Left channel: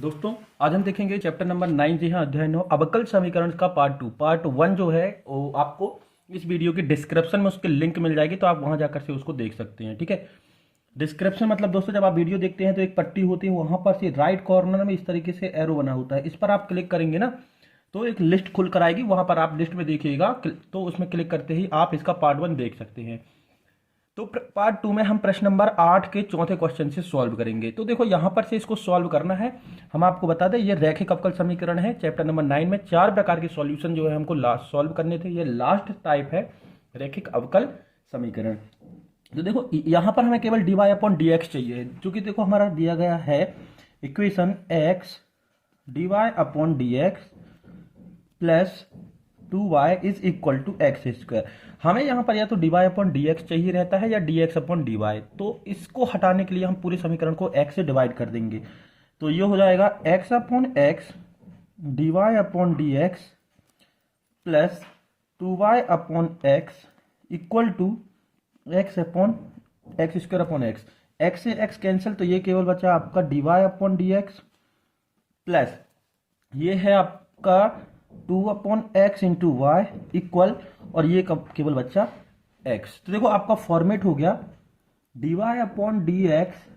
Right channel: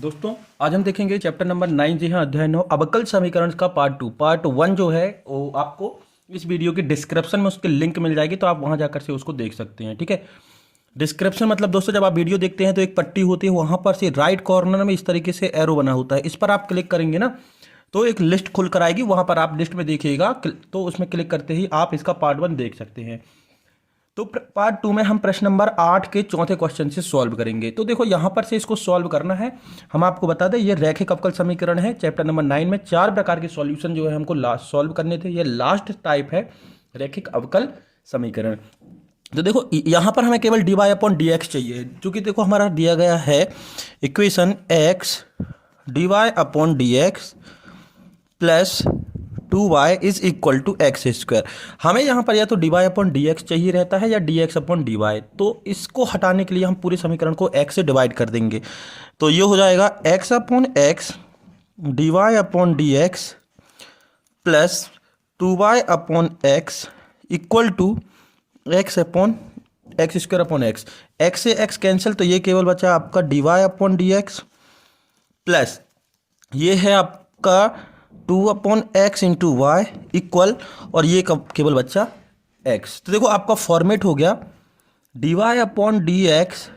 दोस्तों आज हम देखेंगे चैप्टर नंबर 9। जी हाँ, अध्याय 9 अवकल समीकरण का पार्ट 1 जो है वो आपको इस वीडियो के डिस्क्रिप्शन में उसकी लिंक मिल जाएगी, तो आप वहां जाकर से उसको देख सकते हैं। ठीक है, डिस्क्रिप्शन मतलब दोस्तों जब आप वीडियो देखते हैं तो एक पट्टी होती है, वहां पर से राइट कॉर्नर में इस तरीके से एरो बना होता है, इस पर आप क्लिक करेंगे ना तो एक लिस्ट खुल कर आएगी, वहां पर आप लिस्ट में देखिएगा तो उसमें क्लिक करते ही आप इसका पार्ट 1 देख सकते हैं। तो पार्ट 2 में हम प्रश्न नंबर 8 के चौथे क्वेश्चन से सॉल्व करेंगे। तो देखो यहाँ पर से इसको सॉल्व करना है। हम आपको बता दें ये रैखिक अवकल समीकरण है। चैप्टर नंबर 9 में 4 प्रकार के सॉल्यूशन जो है हमको लास्ट सॉल्व करने थे। ये लास्ट टाइप है रैखिक अवकल समीकरण। तो देखो यहाँ पर हमें केवल dy अपॉन डी एक्स चाहिए, क्योंकि देखो हमारा दिया गया है equation x dy upon D x plus 2y is equal to x square. हमें यहाँ पर या तो dy अपॉन डी एक्स चाहिए रहता है या dx अपॉन dy। तो इसको हटाने के लिए हम पूरे समीकरण को x से डिवाइड कर देंगे, तो ये हो जाएगा x upon x dy upon D x plus 2y upon x equal to x upon x square upon x. X से एक्स कैंसिल, तो ये केवल बचा आपका dy upon D x plus ये है आपका 2 upon x into Y equal, और ये केवल बच्चा x। तो देखो आपका फॉर्मेट हो गया dy upon D x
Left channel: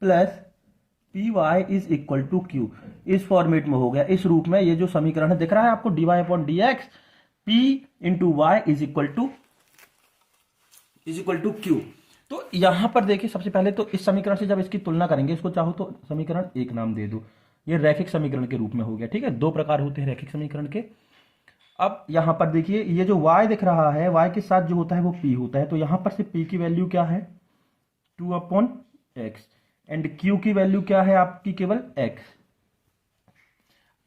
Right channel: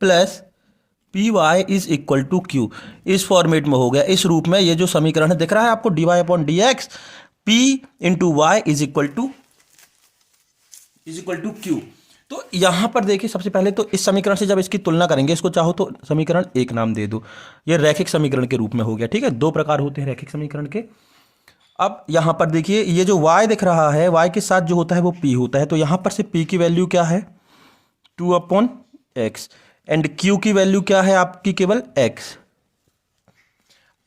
plus P Y is equal to q. इस फॉर्मेट में हो गया, इस रूप में ये जो समीकरण है दिख रहा है आपको dy upon D x p into y is equal to q. तो यहां पर देखिए सबसे पहले तो इस समीकरण से जब इसकी तुलना करेंगे, इसको चाहो तो समीकरण एक नाम दे दो, ये रैखिक समीकरण के रूप में हो गया। ठीक है, दो प्रकार होते हैं रैखिक समीकरण के। अब यहां पर देखिए ये जो y दिख रहा है, y के साथ जो होता है वो p होता है, तो यहां पर से p की वैल्यू क्या है 2 अपॉन एक्स एंड q की वैल्यू क्या है आपकी केवल x।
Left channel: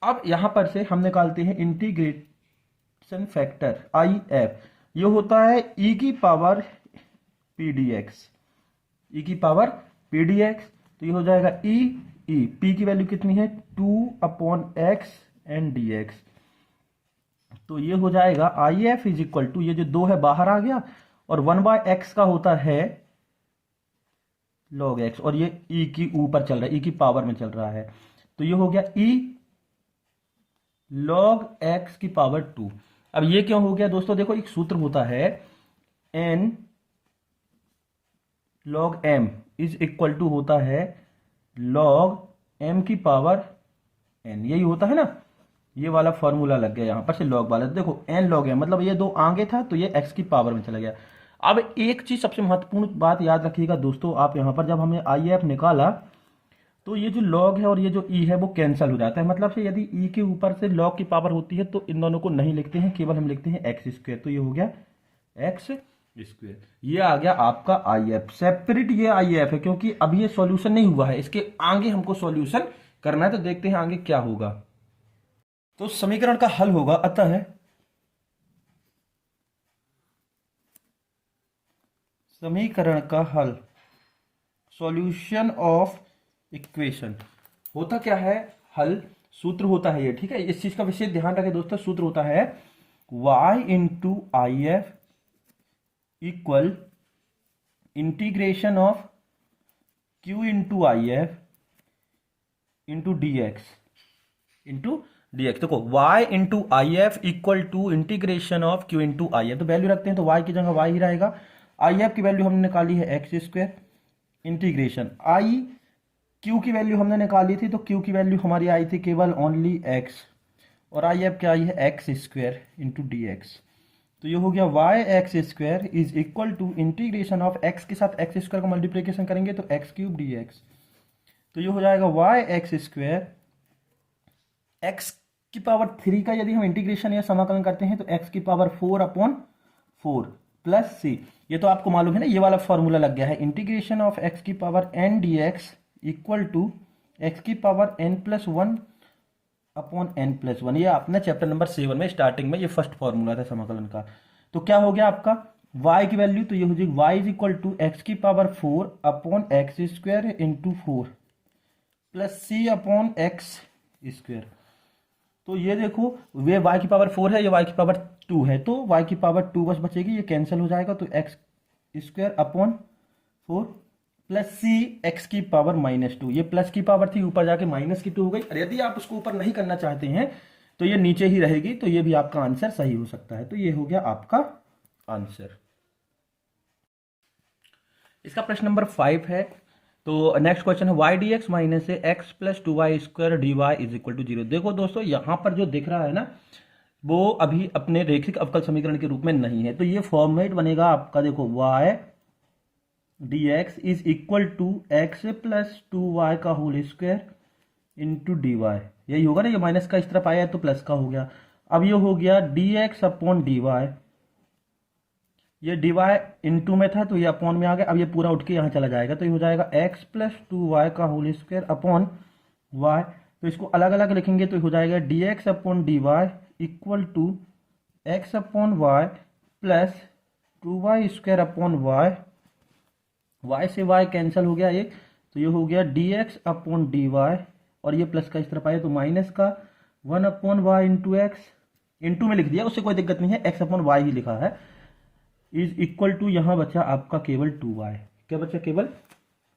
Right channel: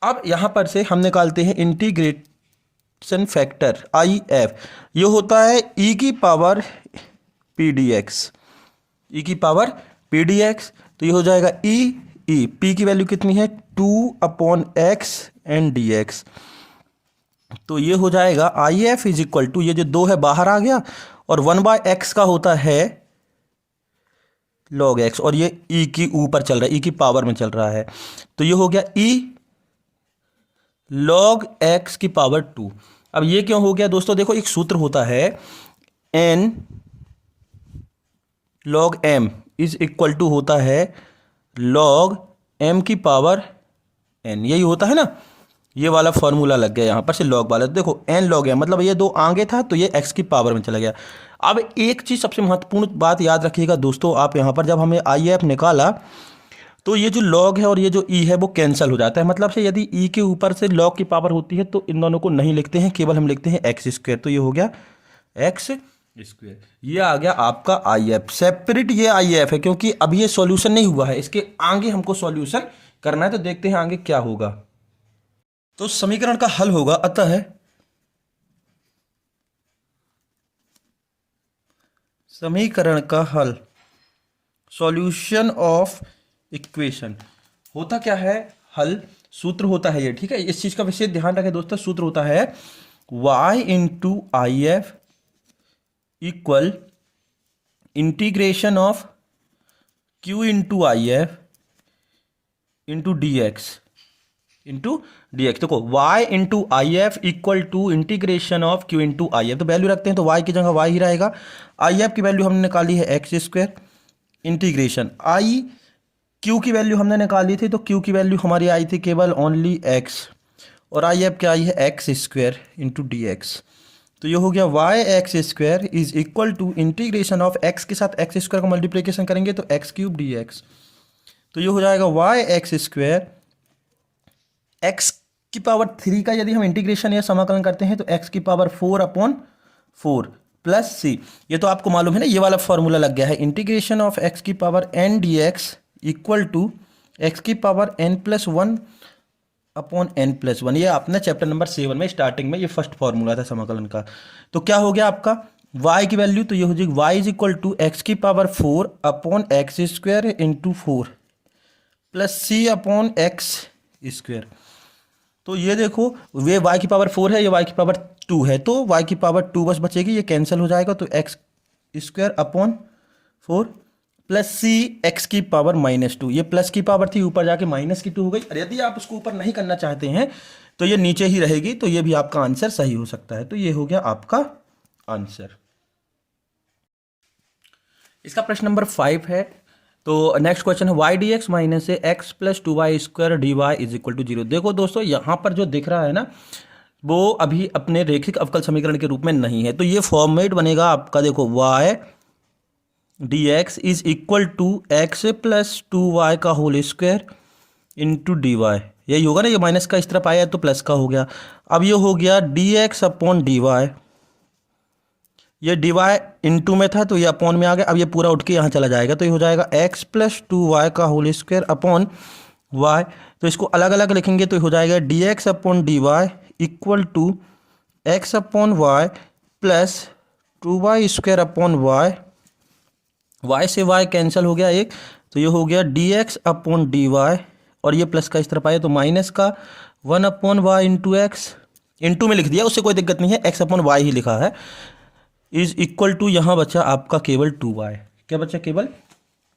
अब यहां पर से हम निकालते हैं इंटीग्रेशन फैक्टर IF, ये होता है e की power P D x, e की पावर पी डी एक्स। तो ये हो जाएगा ई पी की वैल्यू कितनी है 2 upon x and d x. तो ये हो जाएगा I F is equal to, ये जो 2 है बाहर आ गया और 1/x का होता है log x, और ये ई की ऊपर चल रहा है, ई की पावर में चल रहा है, तो ये हो गया ई log x की पावर 2। अब ये क्यों हो गया दोस्तों, देखो एक सूत्र होता है n log m is equal to होता है log m की पावर n, यही होता है ना। ये वाला फॉर्मूला लग गया यहाँ पर से log वाला। देखो n log m मतलब ये 2 आगे था तो ये x की पावर में चला गया। अब एक चीज सबसे महत्वपूर्ण बात याद रखिएगा दोस्तों, आप यहाँ पर जब हमें IF निकाला तो ये जो log है और ये जो e है वो कैंसिल हो जाता है। मतलब से यदि e के ऊपर से log की पावर होती है तो इन दोनों को नहीं लिखते हैं, केवल हम लिखते हैं एक्स स्क्वायर। तो ये हो गया एक्स स्क्वायर, ये आ गया आपका IF सेपरेट। ये IF है क्योंकि अभी ये सॉल्यूशन नहीं हुआ है, इसके आगे हमको सॉल्यूशन करना है, तो देखते हैं आगे क्या होगा। तो समीकरण का हल होगा, अतः समीकरण का हल सॉल्यूशन ऑफ इक्वेशन होता क्या है, हल सूत्र होता है ये। ठीक है, इस चीज का विशेष ध्यान रखें दोस्तों, सूत्र होता है y into I F equal integration of q into I F into D x देखो y into I F equal to integration of q into I F. तो वैल्यू रखते हैं तो y की जगह y ही रहेगा। आई एफ की वैल्यू हमने निकाली है एक्स स्क्वायर इंटीग्रेशन आई q की वैल्यू हमने निकाली थी, तो q की वैल्यू हमारी आई थी केवल ओनली x, और आई एफ क्या आई है x square into D x. तो ये हो गया y x square is equal to integration of x के साथ एक्स स्क्वायर को मल्टीप्लिकेशन करेंगे तो एक्स क्यूब डी एक्स। तो ये हो जाएगा वाई एक्स स्क्वायर एक्स की पावर 3 का यदि हम इंटीग्रेशन या समाकलन करते हैं तो एक्स की पावर 4 अपॉन 4 प्लस सी। ये तो आपको मालूम है ना, ये वाला फॉर्मूला लग गया है इंटीग्रेशन ऑफ एक्स की power N D X equal to x की power N plus 1 upon N plus 1। ये आपने चैप्टर नंबर 7 में स्टार्टिंग में ये फर्स्ट फॉर्मूला था समाकलन का। तो क्या हो गया आपका y की वैल्यू, तो ये हो जाएगी y is equal to x की power 4 upon x square into 4 plus C upon x square. तो ये देखो ये y की पावर 4 है, ये y की पावर 2 है, तो y की पावर 2 बस बचेगी, ये कैंसिल हो जाएगा, तो x square upon 4 plus c x की पावर -2, ये प्लस की पावर थी ऊपर जाके -2 हो गई। और यदि आप उसको ऊपर नहीं करना चाहते हैं तो ये नीचे ही रहेगी, तो ये भी आपका आंसर सही हो सकता है। तो ये हो गया आपका आंसर। इसका प्रश्न नंबर 5 है। तो नेक्स्ट क्वेश्चन है y d x minus x plus 2y² dy is equal to 0। देखो दोस्तों, यहाँ पर जो दिख रहा है ना, वो अभी अपने रेखिक अवकल समीकरण के रूप में नहीं है। तो ये फॉर्मेट बनेगा आपका, देखो y d x is equal to x plus 2y का whole square into D y. यही होगा ना, ये माइनस का इस तरफ आया तो प्लस का हो गया। अब ये हो गया d x upon d y, ये डी वाई इंटू में था तो ये अपॉन में आ गया। अब ये पूरा उठ के यहाँ चला जाएगा, तो ये हो जाएगा एक्स प्लस 2y का होल स्क्वायर अपॉन y। तो इसको अलग अलग लिखेंगे तो हो जाएगा d x upon d y equal to x upon y plus 2y² upon y. y से y कैंसिल हो गया एक, तो ये हो गया d x upon d y, और ये प्लस का इस तरफ आया तो माइनस का 1 upon y into x, into में लिख दिया, उससे कोई दिक्कत नहीं है, एक्स अपॉन वाई ही लिखा है, इज इक्वल टू यहाँ बचा आपका केवल 2y। क्या बचा? केवल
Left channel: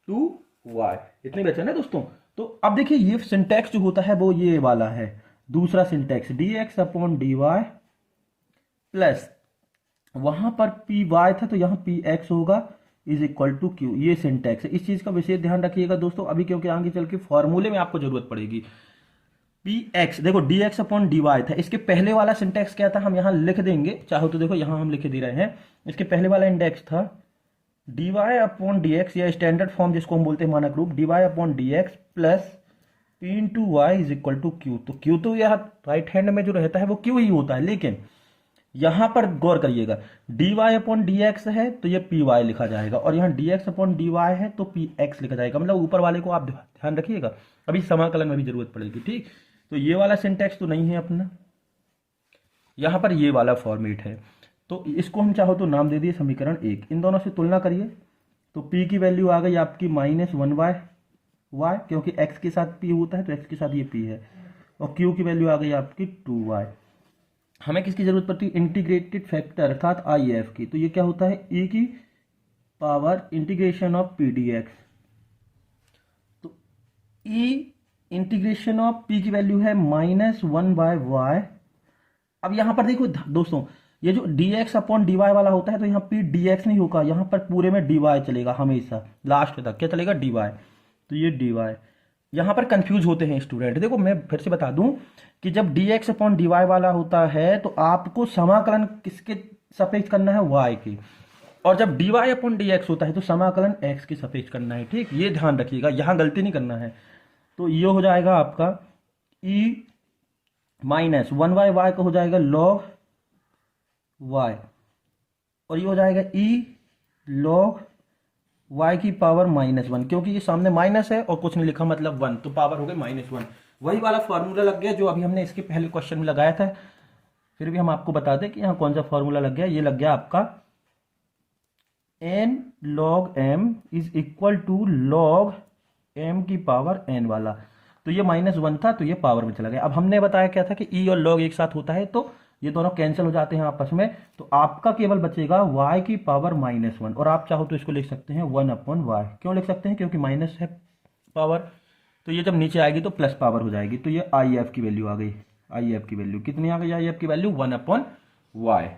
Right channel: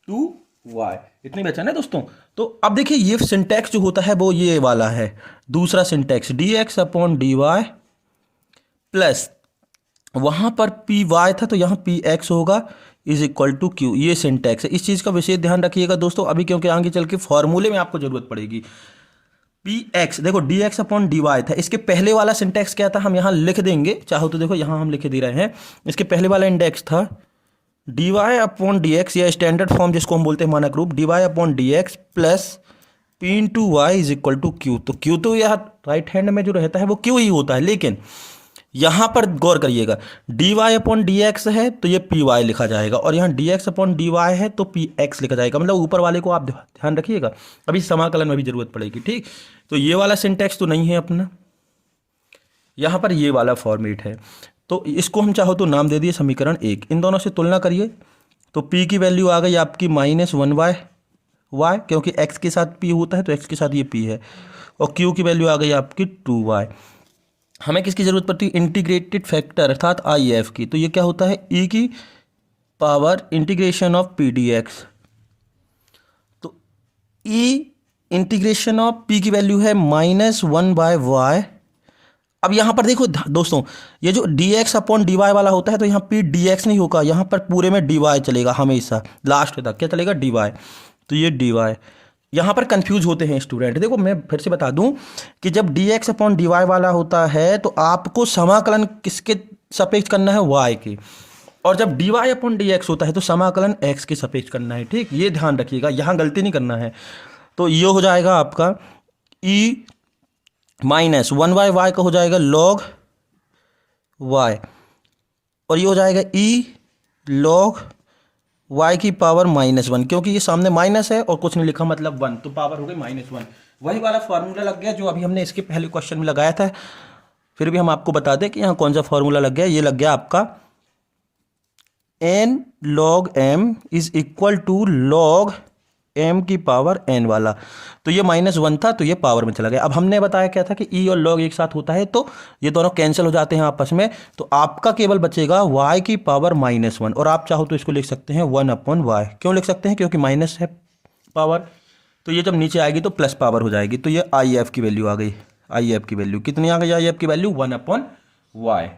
2y, इतनी बचा ना दोस्तों। तो अब देखिए ये सिंटैक्स जो होता है वो ये वाला है, दूसरा syntax d x upon d Y plus वहाँ पर पी वाई था तो यहाँ पी एक्स होगा इज इक्वल टू क्यू। ये सिंटैक्स है, इस चीज़ का विशेष ध्यान रखिएगा दोस्तों अभी, क्योंकि आगे चल के फॉर्मूले में आपको जरूरत पड़ेगी। पी एक्स, देखो d x upon d y था, इसके पहले वाला सिंटैक्स क्या था हम यहाँ लिख देंगे, चाहो तो देखो यहाँ हम लिख दे रहे हैं। इसके पहले वाला इंडेक्स था d y upon D x, या स्टैंडर्ड फॉर्म जिसको हम बोलते हैं मानक रूप, d y upon D x plus p into y is equal to q. तो क्यू तो यह राइट हैंड में जो रहता है वो क्यू ही होता है, लेकिन यहाँ पर गौर करिएगा d y upon D x है तो ये पी वाई लिखा जाएगा, और यहाँ d x upon d y है तो पी एक्स लिखा जाएगा। मतलब ऊपर वाले को आप ध्यान रखिएगा, अभी समाकलन में भी जरूरत पड़ेगी, ठीक। तो ये वाला सिंटैक्स तो नहीं है अपना, यहाँ पर ये वाला फॉर्मेट है। तो इसको हम चाहो तो नाम दे दिए समीकरण 1। इन दोनों से तुलना करिए तो p की वैल्यू आ गई आपकी -1y y, क्योंकि x के साथ p होता है तो x के साथ ये p है, और q की वैल्यू आ गई आपकी 2y। हमें किसकी जरूरत पड़ती है? इंटीग्रेटेड फैक्टर अर्थात IF की। तो ये क्या होता है? e की power integration of P D x. तो e इंटीग्रेशन ऑफ p की वैल्यू है -1/y। अब यहाँ पर देखो दोस्तों, ये जो dx अपॉन dy वाला होता है तो यहाँ p dx नहीं होगा, यहाँ पर पूरे में dy चलेगा हमेशा, लास्ट तक क्या चलेगा? dy। तो ये dy, यहाँ पर कंफ्यूज होते हैं स्टूडेंट। देखो मैं फिर से बता दूं कि जब dx अपॉन dy वाला होता है तो आपको समाकलन किसके सापेक्ष करना है? y के, और जब dy अपॉन dx होता है तो समाकलन x के सापेक्ष करना है, ठीक। ये ध्यान रखिएगा, यहाँ गलती नहीं करना है। तो ये हो जाएगा आपका e -1/y का हो जाएगा log y, और ये हो जाएगा e log y की पावर -1, क्योंकि ये सामने माइनस है और कुछ नहीं लिखा मतलब 1, तो पावर हो गई -1। वही वाला फॉर्मूला लग गया जो अभी हमने इसके पहले क्वेश्चन में लगाया था। फिर भी हम आपको बता दें कि यहाँ कौन सा फॉर्मूला लग गया। ये लग गया आपका n log m is equal to log m की पावर n वाला। तो ये -1 था तो ये पावर में चला गया। अब हमने बताया क्या था कि e और log एक साथ होता है तो ये दोनों कैंसिल हो जाते हैं आपस में, तो आपका केवल बचेगा y की पावर -1, और आप चाहो तो इसको लिख सकते हैं 1/y। क्यों लिख सकते हैं? क्योंकि माइनस है पावर, तो ये जब नीचे आएगी तो प्लस पावर हो जाएगी। तो ये IF की वैल्यू आ गई। IF की वैल्यू कितनी आ गई? IF की वैल्यू 1/y।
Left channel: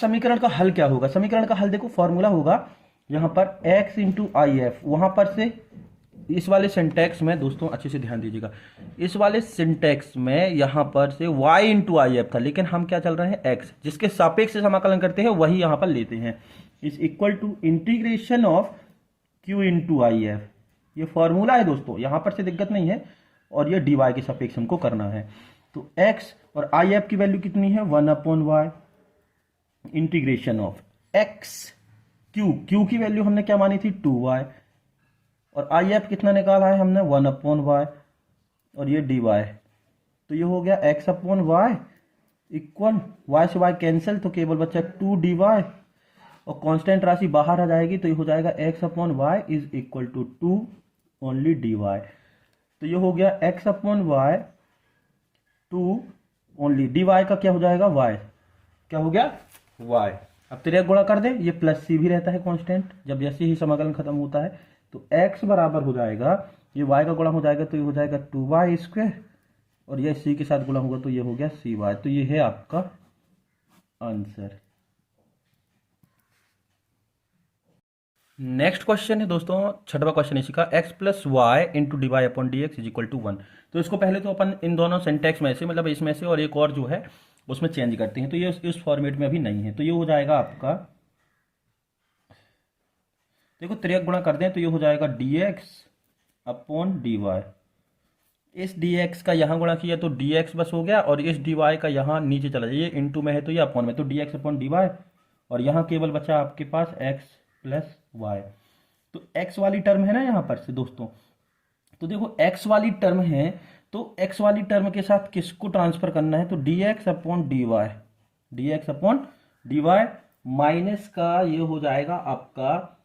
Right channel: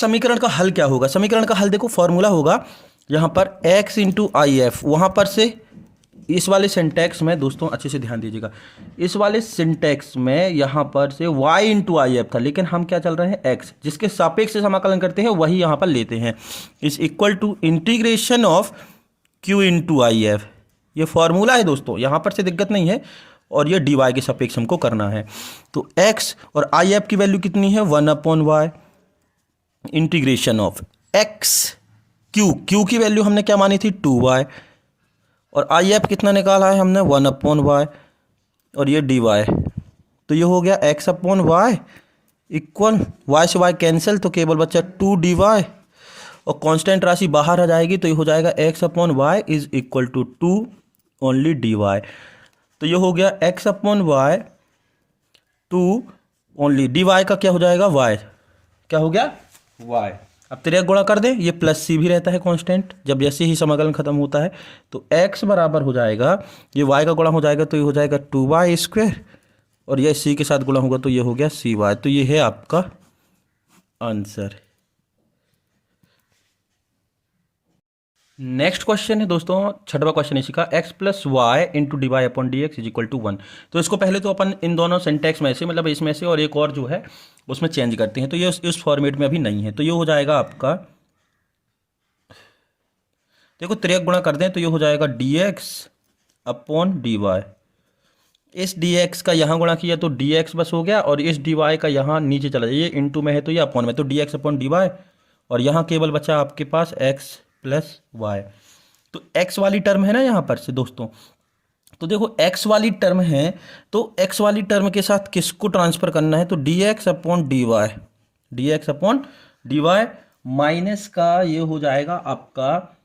समीकरण का हल क्या होगा? समीकरण का हल देखो, फॉर्मूला होगा यहाँ पर x इंटू IF, वहाँ पर से इस वाले सिंटैक्स में दोस्तों अच्छे से ध्यान दीजिएगा, इस वाले सिंटैक्स में यहाँ पर से y इंटू IF था, लेकिन हम क्या चल रहे हैं? x, जिसके सापेक्ष से समाकलन करते हैं वही यहाँ पर लेते हैं, इस equal to integration of q into IF। ये फॉर्मूला है दोस्तों, यहाँ पर से दिक्कत नहीं है, और ये dy के सापेक्ष हमको करना है। तो x और IF की वैल्यू कितनी है? 1/y integration of x q की वैल्यू हमने क्या मानी थी? 2y, और IF कितना निकाला है हमने? 1/y, और ये dy। तो ये हो गया x/y इक्वल y से y कैंसिल, तो केवल बच्चा 2dy, और कांस्टेंट राशि बाहर आ जाएगी तो ये हो जाएगा x/y is equal to 2 only dy। तो ये हो गया x/y 2 ओनली dy का क्या हो जाएगा? y। क्या हो गया? y। अब तिर्यक गुणा कर दें, ये प्लस सी भी रहता है कांस्टेंट जब जैसे ही समाकलन खत्म होता है। तो x बराबर हो जाएगा, ये y का गुणा हो जाएगा तो ये हो जाएगा 2y², और ये c के साथ गुणा होगा तो ये हो गया cy। तो ये है आपका आंसर। नेक्स्ट क्वेश्चन है दोस्तों, छठवां क्वेश्चन इसी का, x plus y into D y upon D x is equal to 1। तो इसको पहले तो अपन इन दोनों सिंटैक्स में से, मतलब इसमें से और एक और जो है उसमें चेंज करते हैं। तो ये इस फॉर्मेट में अभी नहीं है, तो ये हो जाएगा आपका, देखो तिर्यक गुणा कर दें तो ये हो जाएगा d x upon d y. इस डी एक्स का यहाँ गुणा किया तो डी एक्स बस हो गया, और इस डी वाई का यहाँ नीचे चला जाए, ये इंटू में है तो ये अपॉन में, तो d x upon d y, और यहाँ केवल बचा आपके पास एक्स प्लस वाई। तो x वाली टर्म है ना यहाँ पर से दोस्तों, तो देखो x वाली टर्म है, तो x वाली टर्म के साथ किसको ट्रांसफर करना है, तो dx upon d y, d x upon d y minus का ये हो जाएगा आपका,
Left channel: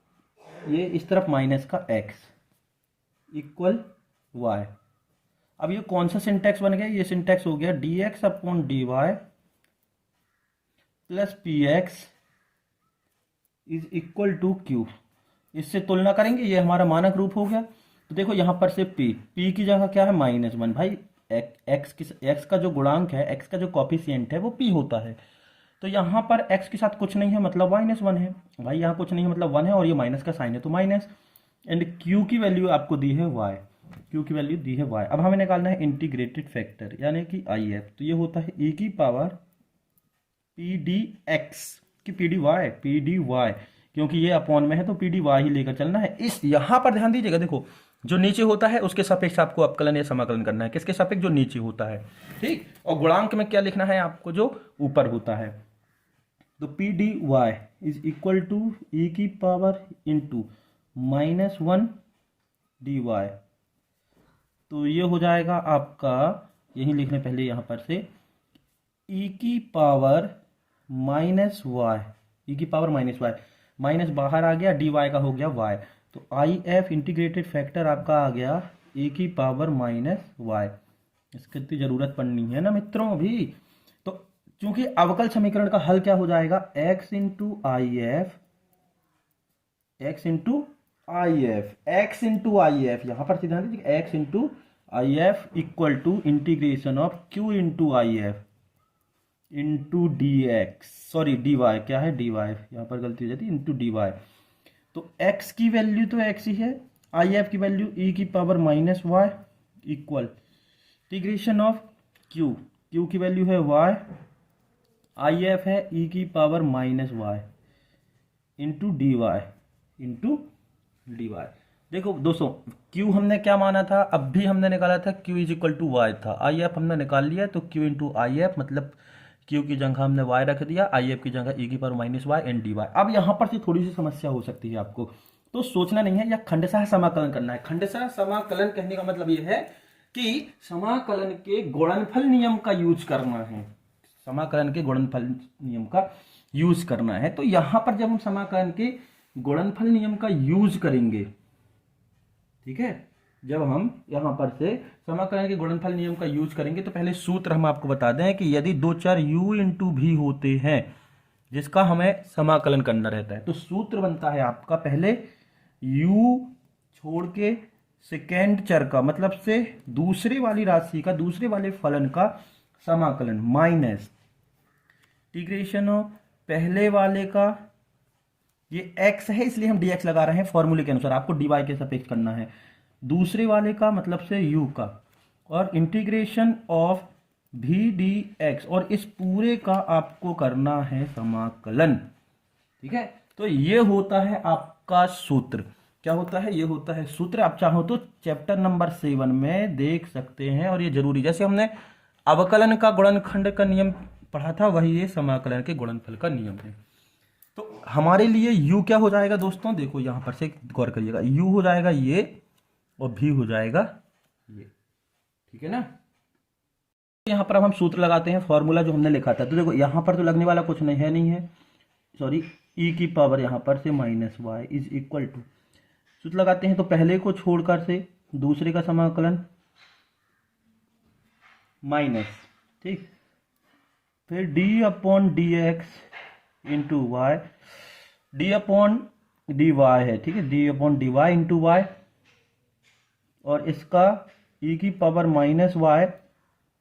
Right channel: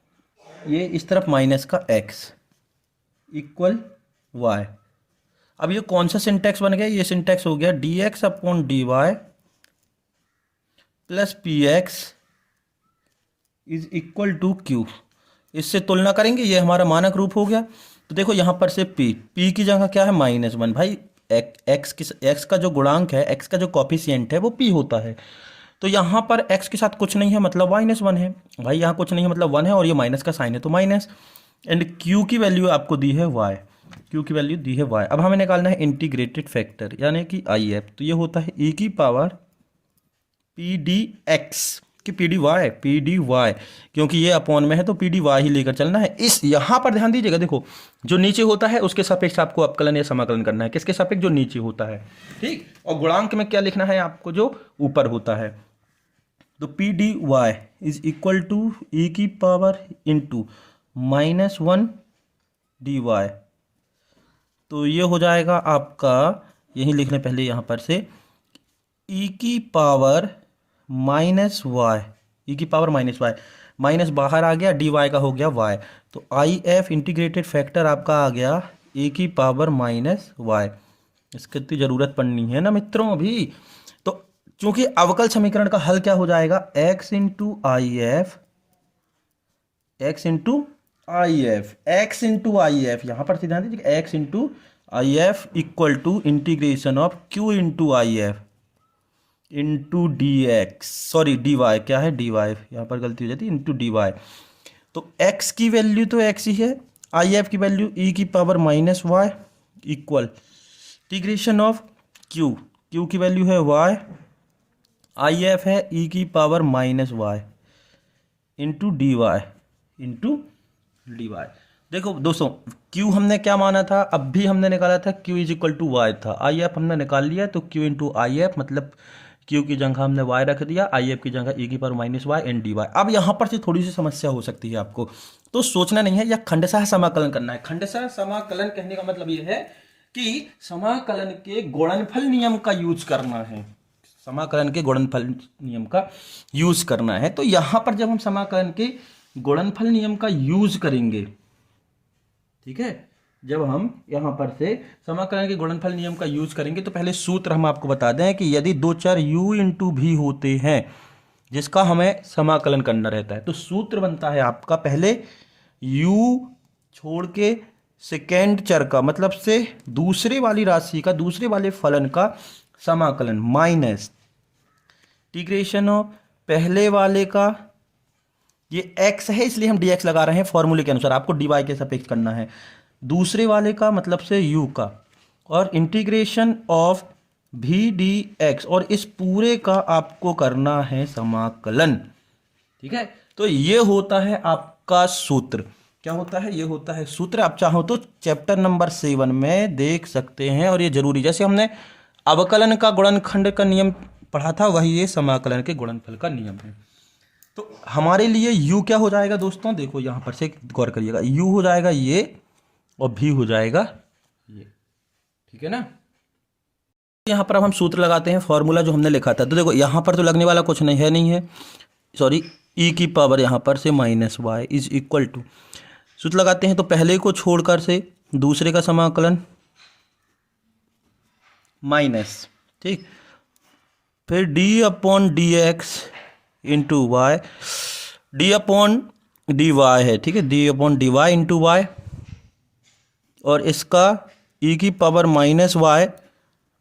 ये इस तरफ माइनस का x इक्वल y। अब ये कौन सा सिंटैक्स बन गया, ये सिंटैक्स हो गया dx upon d Y plus p x is equal to q. इससे तुलना करेंगे, ये हमारा मानक रूप हो गया। तो देखो यहाँ पर से p की जगह क्या है -1, भाई x का जो गुणांक है, x का जो कॉफिशिएंट है वो p होता है। तो यहाँ पर x के साथ कुछ नहीं है मतलब -1 है, भाई यहाँ कुछ नहीं है मतलब 1 है, और ये माइनस का साइन है तो माइनस, एंड q की वैल्यू आपको दी है y, q की वैल्यू दी है y। अब हमें निकालना है इंटीग्रेटेड फैक्टर यानी कि IF, तो ये होता है e की पावर pdx कि पी डी वाई, क्योंकि ये अपॉन में है तो पी डी वाई ही लेकर चलना है। इस यहाँ पर ध्यान दीजिएगा, देखो जो नीचे होता है उसके सापेक्ष आपको अवकलन या समाकलन करना है, किसके सापेक्ष, जो नीचे होता है, ठीक। और गुणांक में क्या लिखना है आपको, जो ऊपर होता है। तो P D Y is equal to ई की पावर इंटू -1 डी वाई। तो ये हो जाएगा आपका, यही लिख लें पहले यहाँ पर से, ई की पावर -y, ई की पावर -y, माइनस बाहर आ गया, डी वाई का हो गया y। तो आई एफ इंटीग्रेटेड फैक्टर आपका आ गया ए की पावर -y। इसकी तो ज़रूरत पड़नी है ना मित्रों अभी। तो चूंकि अवकल समीकरण का हल क्या हो जाएगा, x into I F, x into I F, x into I F, यहाँ पर ध्यान दीजिए, x into I F equal to integration of q into I F into D x, sorry d y, क्या है डी वाई, यहाँ पर गलती हो जाती है, इंटू डी वाई। तो x की वैल्यू तो x ही है, आई एफ की वैल्यू e की power -y equal integration of q, q की वैल्यू है y, आई एफ है e की power -y into D y, into D y. देखो दोस्तों q हमने क्या माना था, अब भी हमने निकाला था q is equal to y था, आई एफ हमने निकाल लिया, तो q इंटू आई एफ मतलब q की जगह हमने y रख दिया, आई एफ की जगह e की power -y and d y. अब यहाँ पर से थोड़ी सी समस्या हो सकती है आपको, तो सोचना नहीं है, या खंडशः समाकलन करना है। खंडशः समाकलन कहने का मतलब ये है कि समाकलन के गुणनफल नियम का यूज करना है, समाकलन के गुणनफल नियम का यूज करना है। तो यहाँ पर जब हम समाकलन के गुणनफल नियम का यूज करेंगे, ठीक है, जब हम यहाँ पर से समाकलन के गुणनफल नियम का यूज करेंगे, तो पहले सूत्र हम आपको बता दें कि यदि दो चर u इंटू भी होते हैं जिसका हमें समाकलन करना रहता है, तो सूत्र बनता है आपका पहले u छोड़ के सेकेंड चर का, मतलब से दूसरे वाली राशि का, दूसरे वाले फलन का समाकलन, माइनस इंटीग्रेशन ऑफ पहले वाले का, ये x है इसलिए हम dx लगा रहे हैं फॉर्मूले के अनुसार, आपको dy के सापेक्ष करना है, दूसरे वाले का मतलब से u का, और इंटीग्रेशन ऑफ भी डी एक्स, और इस पूरे का आपको करना है समाकलन, ठीक है। तो ये होता है आपका सूत्र, क्या होता है, ये होता है सूत्र। आप चाहो तो चैप्टर नंबर 7 में देख सकते हैं, और ये जरूरी, जैसे हमने अवकलन का गुणनखंड का नियम पढ़ा था, वही ये समाकलन के गुणनफल का नियम है। तो हमारे लिए u क्या हो जाएगा दोस्तों, देखो यहाँ पर से गौर करिएगा, u हो जाएगा ये और भी हो जाएगा ये, ठीक है ना। यहाँ पर अब हम सूत्र लगाते हैं, फॉर्मूला जो हमने लिखा था। तो देखो यहाँ पर तो लगने वाला कुछ नहीं है, सॉरी, e की पावर यहाँ पर से -y इज इक्वल टू, सूत्र लगाते हैं तो पहले को छोड़कर से दूसरे का समाकलन माइनस, ठीक, फिर d upon D x into y, d upon d y है, ठीक है, d upon d y into y, और इसका ई की power minus y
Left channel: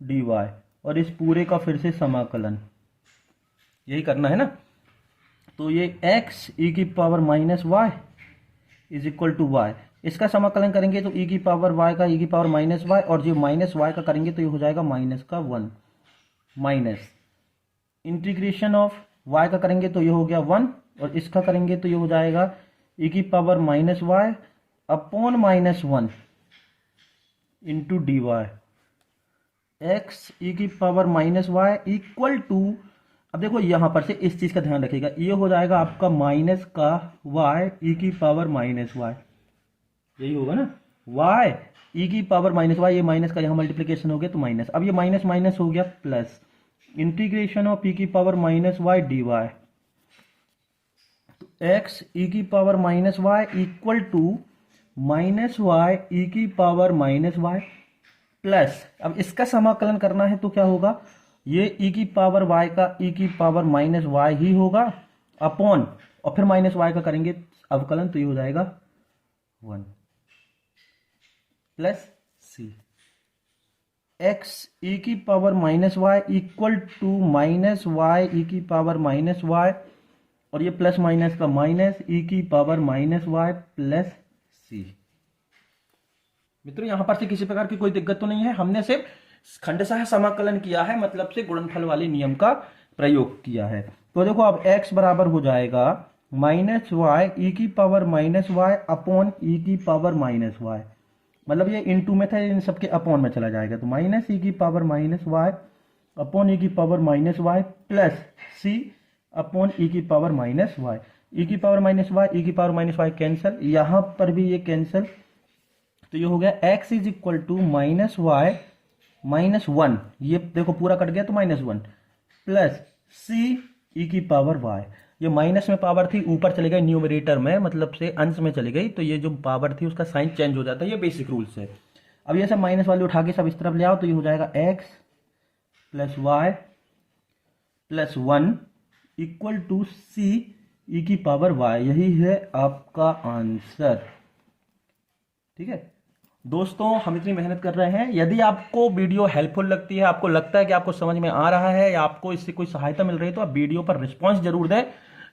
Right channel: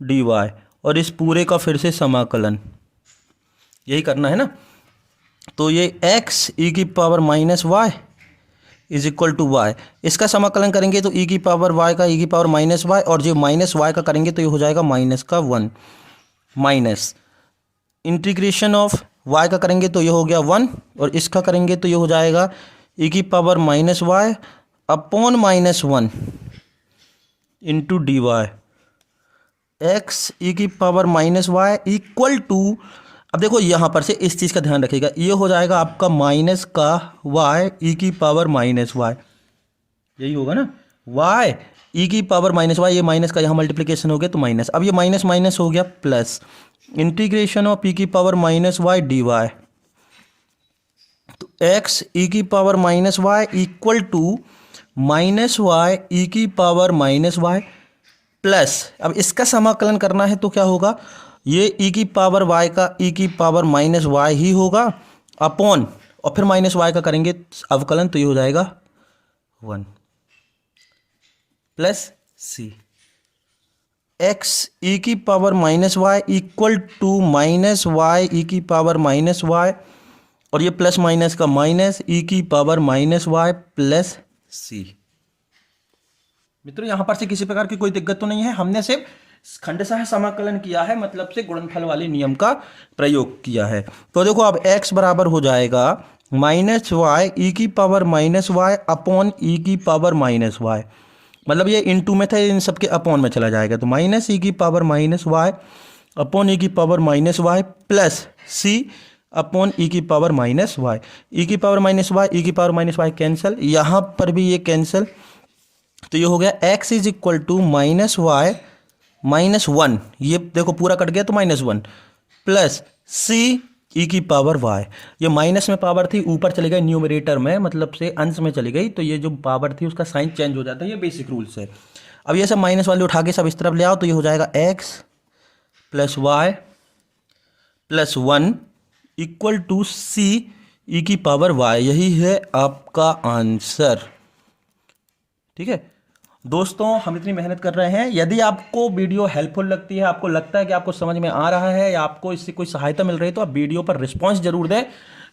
d y, और इस पूरे का फिर से समाकलन, यही करना है ना। तो ये एक्स ई की power minus y is equal to y, इसका समाकलन करेंगे तो ई की पावर वाई का ई की पावर माइनस वाई, और जो माइनस वाई का करेंगे तो ये हो जाएगा माइनस का one, minus integration of y का करेंगे तो ये हो गया वन, और इसका करेंगे तो ये हो जाएगा ई की power minus y upon minus one into D y, x e की power minus y equal to, अब देखो यहाँ पर से इस चीज़ का ध्यान रखिएगा, ये हो जाएगा आपका माइनस का वाई ई की पावर माइनस वाई, यही होगा ना, वाई ई की पावर माइनस वाई, ये माइनस का यहाँ मल्टीप्लिकेशन हो गया तो माइनस, अब ये माइनस माइनस हो गया प्लस, इंटीग्रेशन ऑफ ई की power minus y d y, तो एक्स ई की power minus y equal to minus y e की पावर माइनस वाई प्लस, अब इसका समाकलन करना है तो क्या होगा, ये ई की पावर वाई का ई की पावर माइनस वाई ही होगा अपॉन, और फिर माइनस वाई का करेंगे अवकलन तो ये हो जाएगा one plus c, x e की power minus y equal to minus y e की पावर माइनस वाई, और ये प्लस माइनस का माइनस ई की power minus y plus c. मित्रों यहाँ पर से किसी प्रकार की कोई दिक्कत तो नहीं है, हमने सिर्फ खंडशः समाकलन किया है, मतलब से गुणनफल वाले नियम का प्रयोग किया है। तो देखो अब x बराबर हो जाएगा माइनस वाई ई की पावर माइनस वाई अपॉन ई की पावर माइनस वाई, मतलब ये इनटू में था, इन सबके अपॉन में चला जाएगा, तो माइनस ई की पावर माइनस वाई अपॉन ई की power minus y plus C upon ई की पावर माइनस वाई, ई की पावर माइनस वाई ई की पावर माइनस वाई कैंसिल, यहाँ पर भी ये कैंसिल, तो ये हो गया x is equal to minus y minus one, ये देखो पूरा कट गया तो minus one plus c e की पावर वाई, ये माइनस में पावर थी ऊपर चली गई न्यूमरेटर में, मतलब से अंश में चली गई, तो ये जो पावर थी उसका साइन चेंज हो जाता है, ये बेसिक रूल्स है। अब ये सब माइनस वाले उठा के सब इस तरफ ले आओ तो ये हो जाएगा x plus y plus one equal to c e की पावर वाई, यही है आपका आंसर। ठीक है दोस्तों, हम इतनी मेहनत कर रहे हैं, यदि आपको वीडियो हेल्पफुल लगती है, आपको लगता है कि आपको समझ में आ रहा है या आपको इससे कोई सहायता मिल रही है, तो आप वीडियो पर रिस्पांस जरूर दें,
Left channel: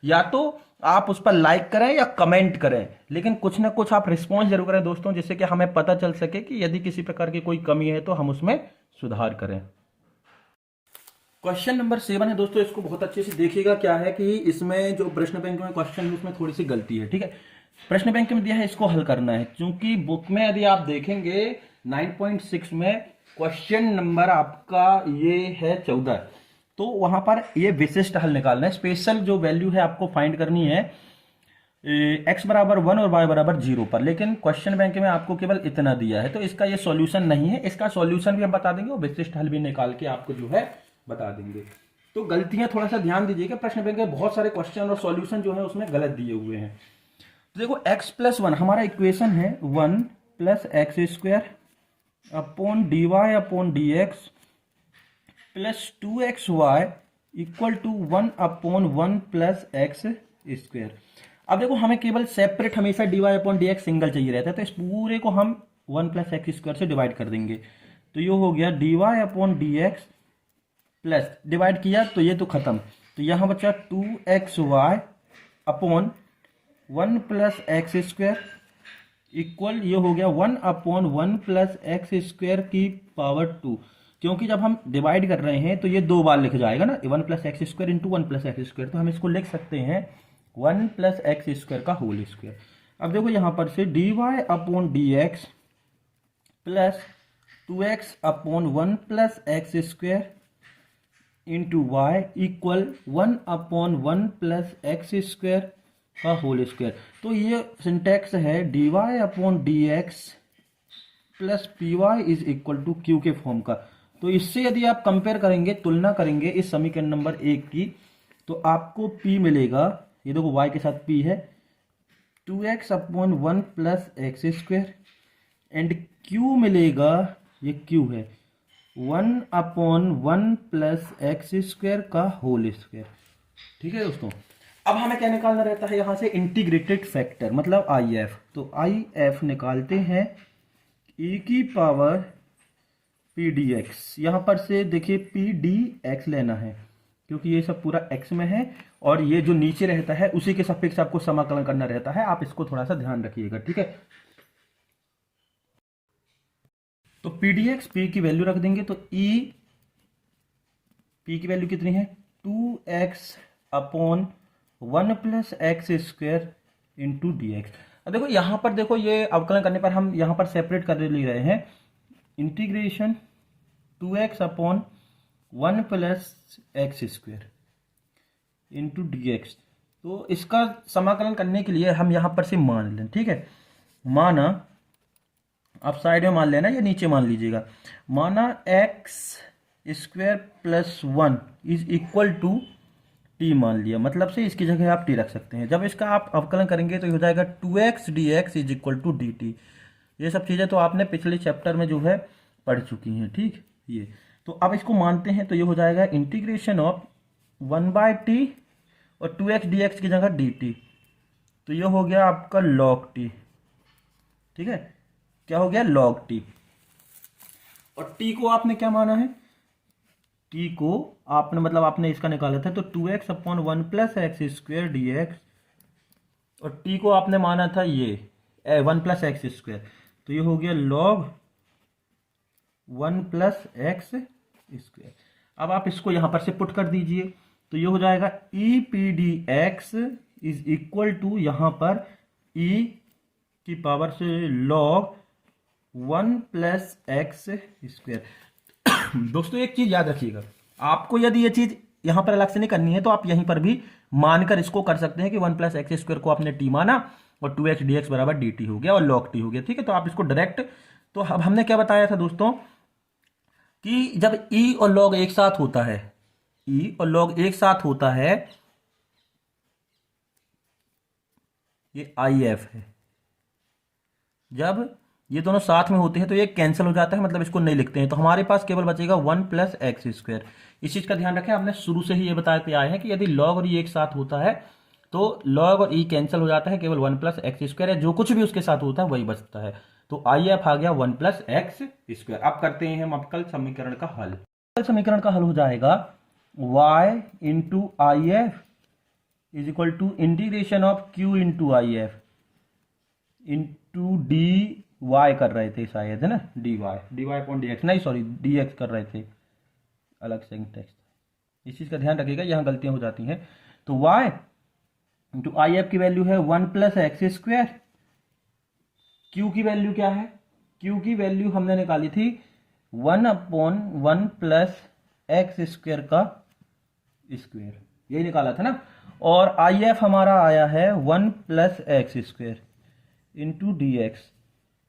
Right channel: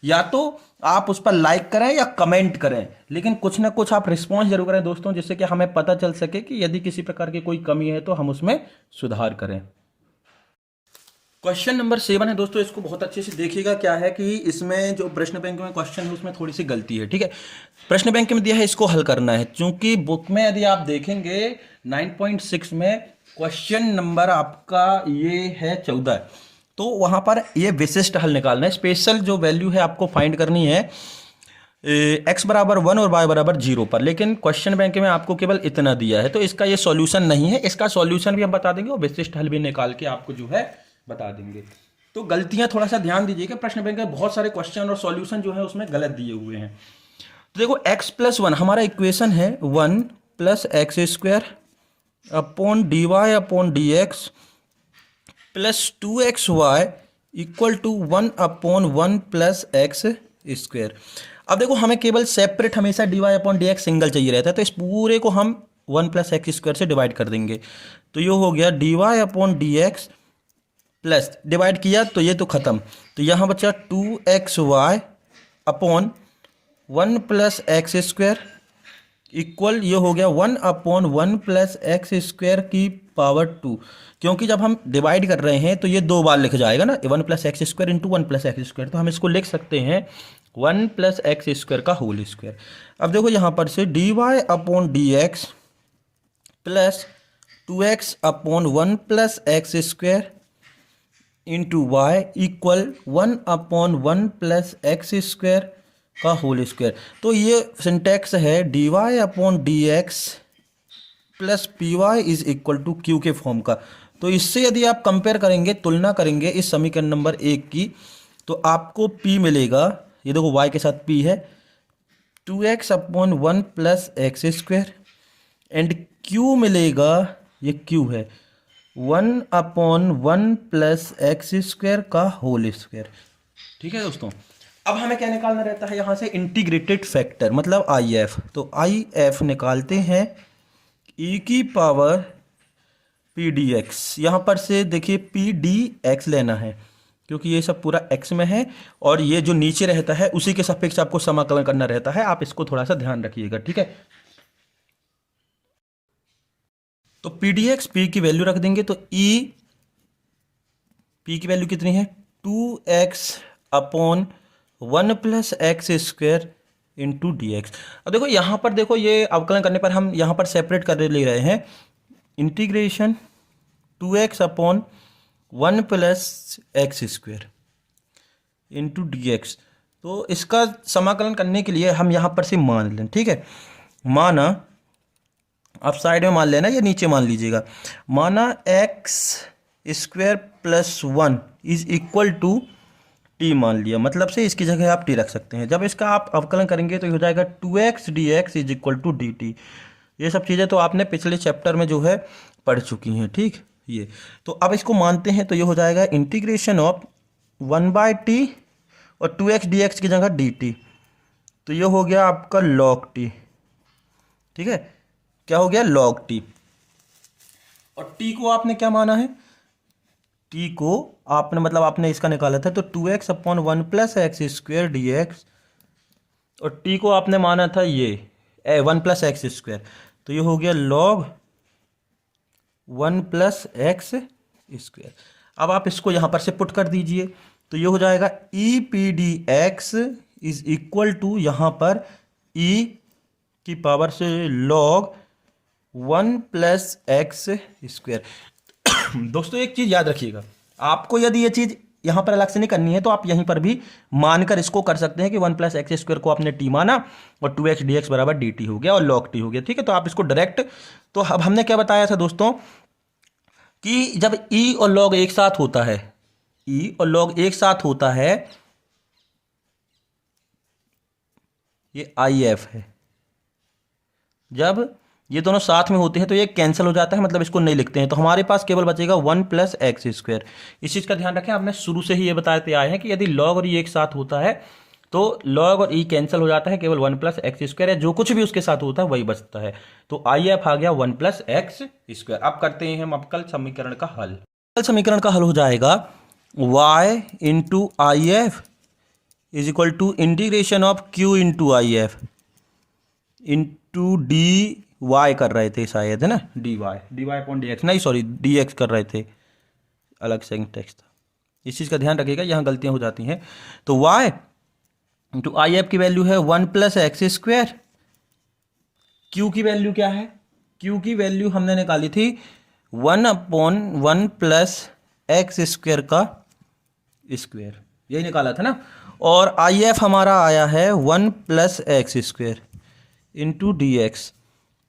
या तो आप उस पर लाइक करें या कमेंट करें, लेकिन कुछ ना कुछ आप रिस्पांस जरूर करें दोस्तों, जिससे कि हमें पता चल सके कि यदि किसी प्रकार की कोई कमी है तो हम उसमें सुधार करें। क्वेश्चन नंबर 7 है दोस्तों, इसको बहुत अच्छे से देखिएगा। क्या है कि इसमें जो प्रश्न बैंक में क्वेश्चन है उसमें थोड़ी सी गलती है, ठीक है। प्रश्न बैंक में दिया है, इसको हल करना है, क्योंकि बुक में यदि आप देखेंगे 9.6 में क्वेश्चन नंबर आपका ये है 14, तो वहां पर ये विशिष्ट हल निकालना है, स्पेशल जो वैल्यू है आपको फाइंड करनी है x बराबर 1 और y बराबर 0 पर, लेकिन क्वेश्चन बैंक में आपको केवल इतना दिया है, तो इसका ये सॉल्यूशन नहीं है, इसका सॉल्यूशन भी हम बता देंगे और विशिष्ट हल भी निकाल के आपको जो है बता देंगे। तो गलतियां थोड़ा सा ध्यान दीजिएगा, प्रश्न बैंक में बहुत सारे क्वेश्चन और सॉल्यूशन जो है उसमें गलत दिए हुए हैं। तो देखो x प्लस वन हमारा इक्वेशन है 1 plus x square upon d y upon D x plus 2xy equal to 1 upon 1 plus x square. अब देखो हमें केवल सेपरेट हमेशा d y upon D x single चाहिए रहता है, तो इस पूरे को हम 1 प्लस एक्स स्क्वायर से डिवाइड कर देंगे, तो ये हो गया d y upon D x plus, divide किया तो ये तो खत्म, तो यहाँ बचा 2xy upon 1 plus x square equal, ये हो गया 1 अपॉन 1 प्लस एक्स स्क्वायर की पावर 2, क्योंकि जब हम डिवाइड कर रहे हैं तो ये दो बार लिख जाएगा ना, 1 plus x square into 1 plus x square, तो हम इसको लिख सकते हैं 1 प्लस एक्स स्क्वायर का होल स्क्वायर। अब देखो यहाँ पर से d y upon D x plus 2x upon 1 plus x square into Y equal 1 upon 1 plus x square का होल स्क्वायर। तो ये सिंटैक्स है d y upon D x plus P Y is equal to Q के form का। तो इससे यदि आप कंपेयर करेंगे, तुलना करेंगे इस समीकरण नंबर 1 की, तो आपको p मिलेगा, ये देखो y के साथ p है 2x upon 1 plus x square, and q मिलेगा, ये q है 1 अपॉन 1 प्लस एक्स स्क्वायर का होल स्क्वायर। ठीक है दोस्तों। अब हमें क्या निकालना रहता है यहाँ से, इंटीग्रेटेड फैक्टर मतलब आई एफ। तो आई एफ निकालते हैं ई की पावर पी डी एक्स। यहाँ पर से देखिए पी डी एक्स लेना है क्योंकि ये सब पूरा एक्स में है, और ये जो नीचे रहता है उसी के सापेक्ष आपको समाकलन करना रहता है। आप इसको थोड़ा सा ध्यान रखिएगा, ठीक है। तो पी डी एक्स, पी की वैल्यू रख देंगे, तो ई पी की वैल्यू कितनी है, 2x upon 1+x² into D X. अब देखो यहाँ पर, देखो ये अवकलन करने पर हम यहाँ पर सेपरेट कर ले रहे हैं, integration 2x upon 1+x² into D x. तो इसका समाकलन करने के लिए हम यहाँ पर से मान लें, ठीक है। माना, आप साइड में मान लेना या नीचे मान लीजिएगा, माना x² + 1 is equal to T मान लिया, मतलब से इसकी जगह आप टी रख सकते हैं। जब इसका आप अवकलन करेंगे तो ये हो जाएगा 2x dx is equal to dt। ये सब चीज़ें तो आपने पिछले चैप्टर में जो है पढ़ चुकी हैं, ठीक। ये तो अब इसको मानते हैं, तो ये हो जाएगा इंटीग्रेशन ऑफ 1/t और 2x dx की जगह dt। तो ये हो गया आपका log t, ठीक है। क्या हो गया, log t। और t को आपने क्या माना है, t को आपने मतलब आपने इसका निकाला था, तो 2x अपॉन 1+x² dx, और t को आपने माना था ये 1+x²। तो ये हो गया log 1+x²। अब आप इसको यहाँ पर से पुट कर दीजिए, तो ये हो जाएगा e p D x is equal to यहाँ पर e की पावर से log 1+x²। दोस्तों एक चीज़ याद रखिएगा, आपको यदि ये चीज़ यहाँ पर अलग से नहीं करनी है तो आप यहीं पर भी मानकर इसको कर सकते हैं कि 1+x² को आपने t माना और 2x dx बराबर dt हो गया और log t हो गया, ठीक है। तो आप इसको डायरेक्ट, तो अब हमने क्या बताया था दोस्तों कि जब e और log एक साथ होता है, e और log एक साथ होता है, ये आई एफ है। जब ये दोनों साथ में होते हैं तो ये कैंसिल हो जाता है, मतलब इसको नहीं लिखते हैं, तो हमारे पास केवल बचेगा 1+x²। इस चीज़ का ध्यान रखें, आपने शुरू से ही ये बताते आए हैं कि यदि log और e एक साथ होता है तो log और e कैंसिल हो जाता है, केवल 1+x² है, जो कुछ भी उसके साथ होता है वही बचता है। तो आई एफ आ गया 1+x²। अब करते हैं हम अवकल समीकरण का हल। अवकल समीकरण का हल हो जाएगा y into I F is equal to integration of q into I F into D Y कर रहे थे शायद, है ना, dy अपॉन डी एक्स, नहीं सॉरी डी एक्स कर रहे थे, अलग से टेक्स्ट था। इस चीज़ का ध्यान रखिएगा, यहाँ गलतियाँ हो जाती हैं। तो y इंटू आई एफ की वैल्यू है 1+x²। q की वैल्यू क्या है, q की वैल्यू हमने निकाली थी 1/1+x² का स्क्वायर, यही निकाला था ना। और आई एफ हमारा आया है 1+x² इंटू डी एक्स।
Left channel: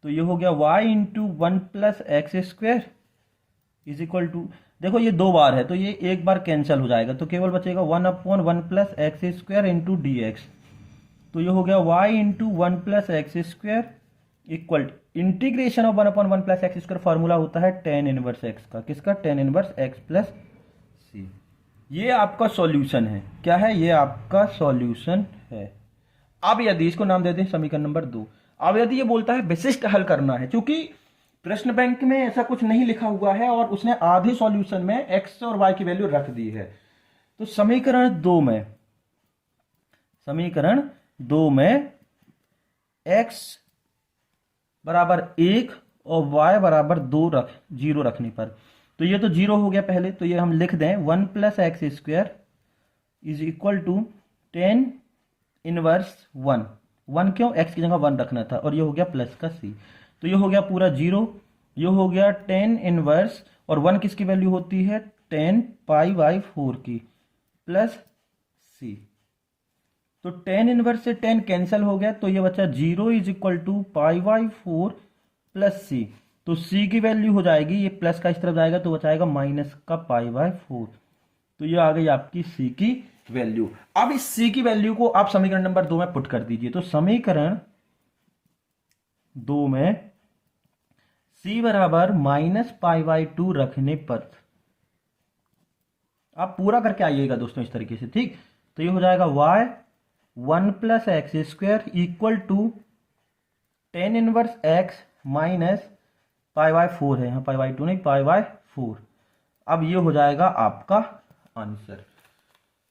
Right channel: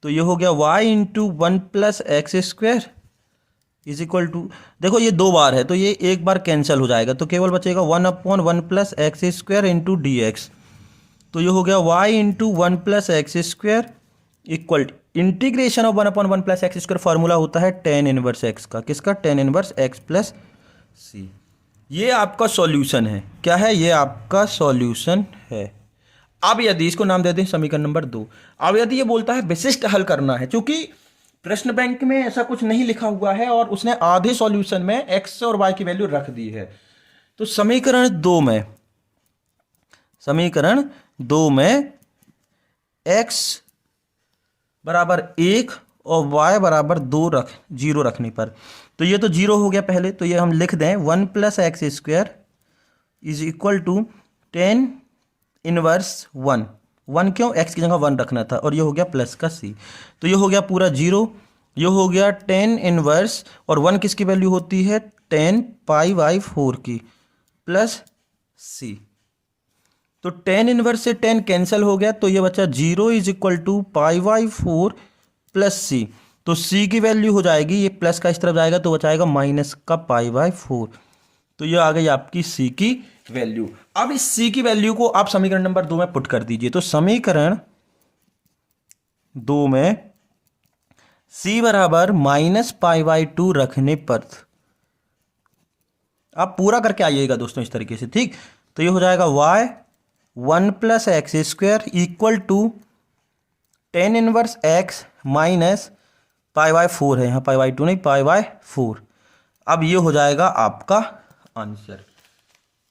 तो ये हो गया y into 1+x² is equal to, देखो ये दो बार है तो ये एक बार कैंसिल हो जाएगा, तो केवल बचेगा 1/1+x² इंटू डी एक्स। तो ये हो गया y into 1+x² equal integration of 1/1+x²। Formula होता है tan इनवर्स x का, किसका, tan इनवर्स x प्लस सी। ये आपका सॉल्यूशन है, क्या है, ये आपका सॉल्यूशन है। अब यदि इसको नाम दे दें समीकरण नंबर 2। अब यदि ये बोलता है विशिष्ट हल करना है, क्योंकि प्रश्न बैंक में ऐसा कुछ नहीं लिखा हुआ है और उसने आधे सॉल्यूशन में x और y की वैल्यू रख दी है, तो समीकरण 2 में x बराबर 1 और y बराबर 2 0 रखने पर, तो ये तो 0 हो गया पहले, तो ये हम लिख दें 1+x² is equal to tan inverse 1 क्यों, x की जगह 1 रखना था, और ये हो गया प्लस का c। तो ये हो गया पूरा 0, ये हो गया tan इनवर्स, और 1 किसकी वैल्यू होती है, tan π/4 की, प्लस c। तो tan इनवर्स से tan कैंसिल हो गया, तो ये बचा 0 is equal to π/4 plus c। तो c की वैल्यू हो जाएगी, ये प्लस का इस तरफ जाएगा तो बचाएगा माइनस का π/4। तो ये आ गई आपकी c की वैल्यू। अब इस c की वैल्यू को आप समीकरण नंबर 2 में पुट कर दीजिए। तो समीकरण 2 में c बराबर -π/2 रखने पर, आप पूरा करके आइएगा दोस्तों इस तरीके से, ठीक। तो ये हो जाएगा y 1+x² equal to tan inverse x minus π/4 है, यहाँ π/2 नहीं π/4। अब ये हो जाएगा आपका आंसर।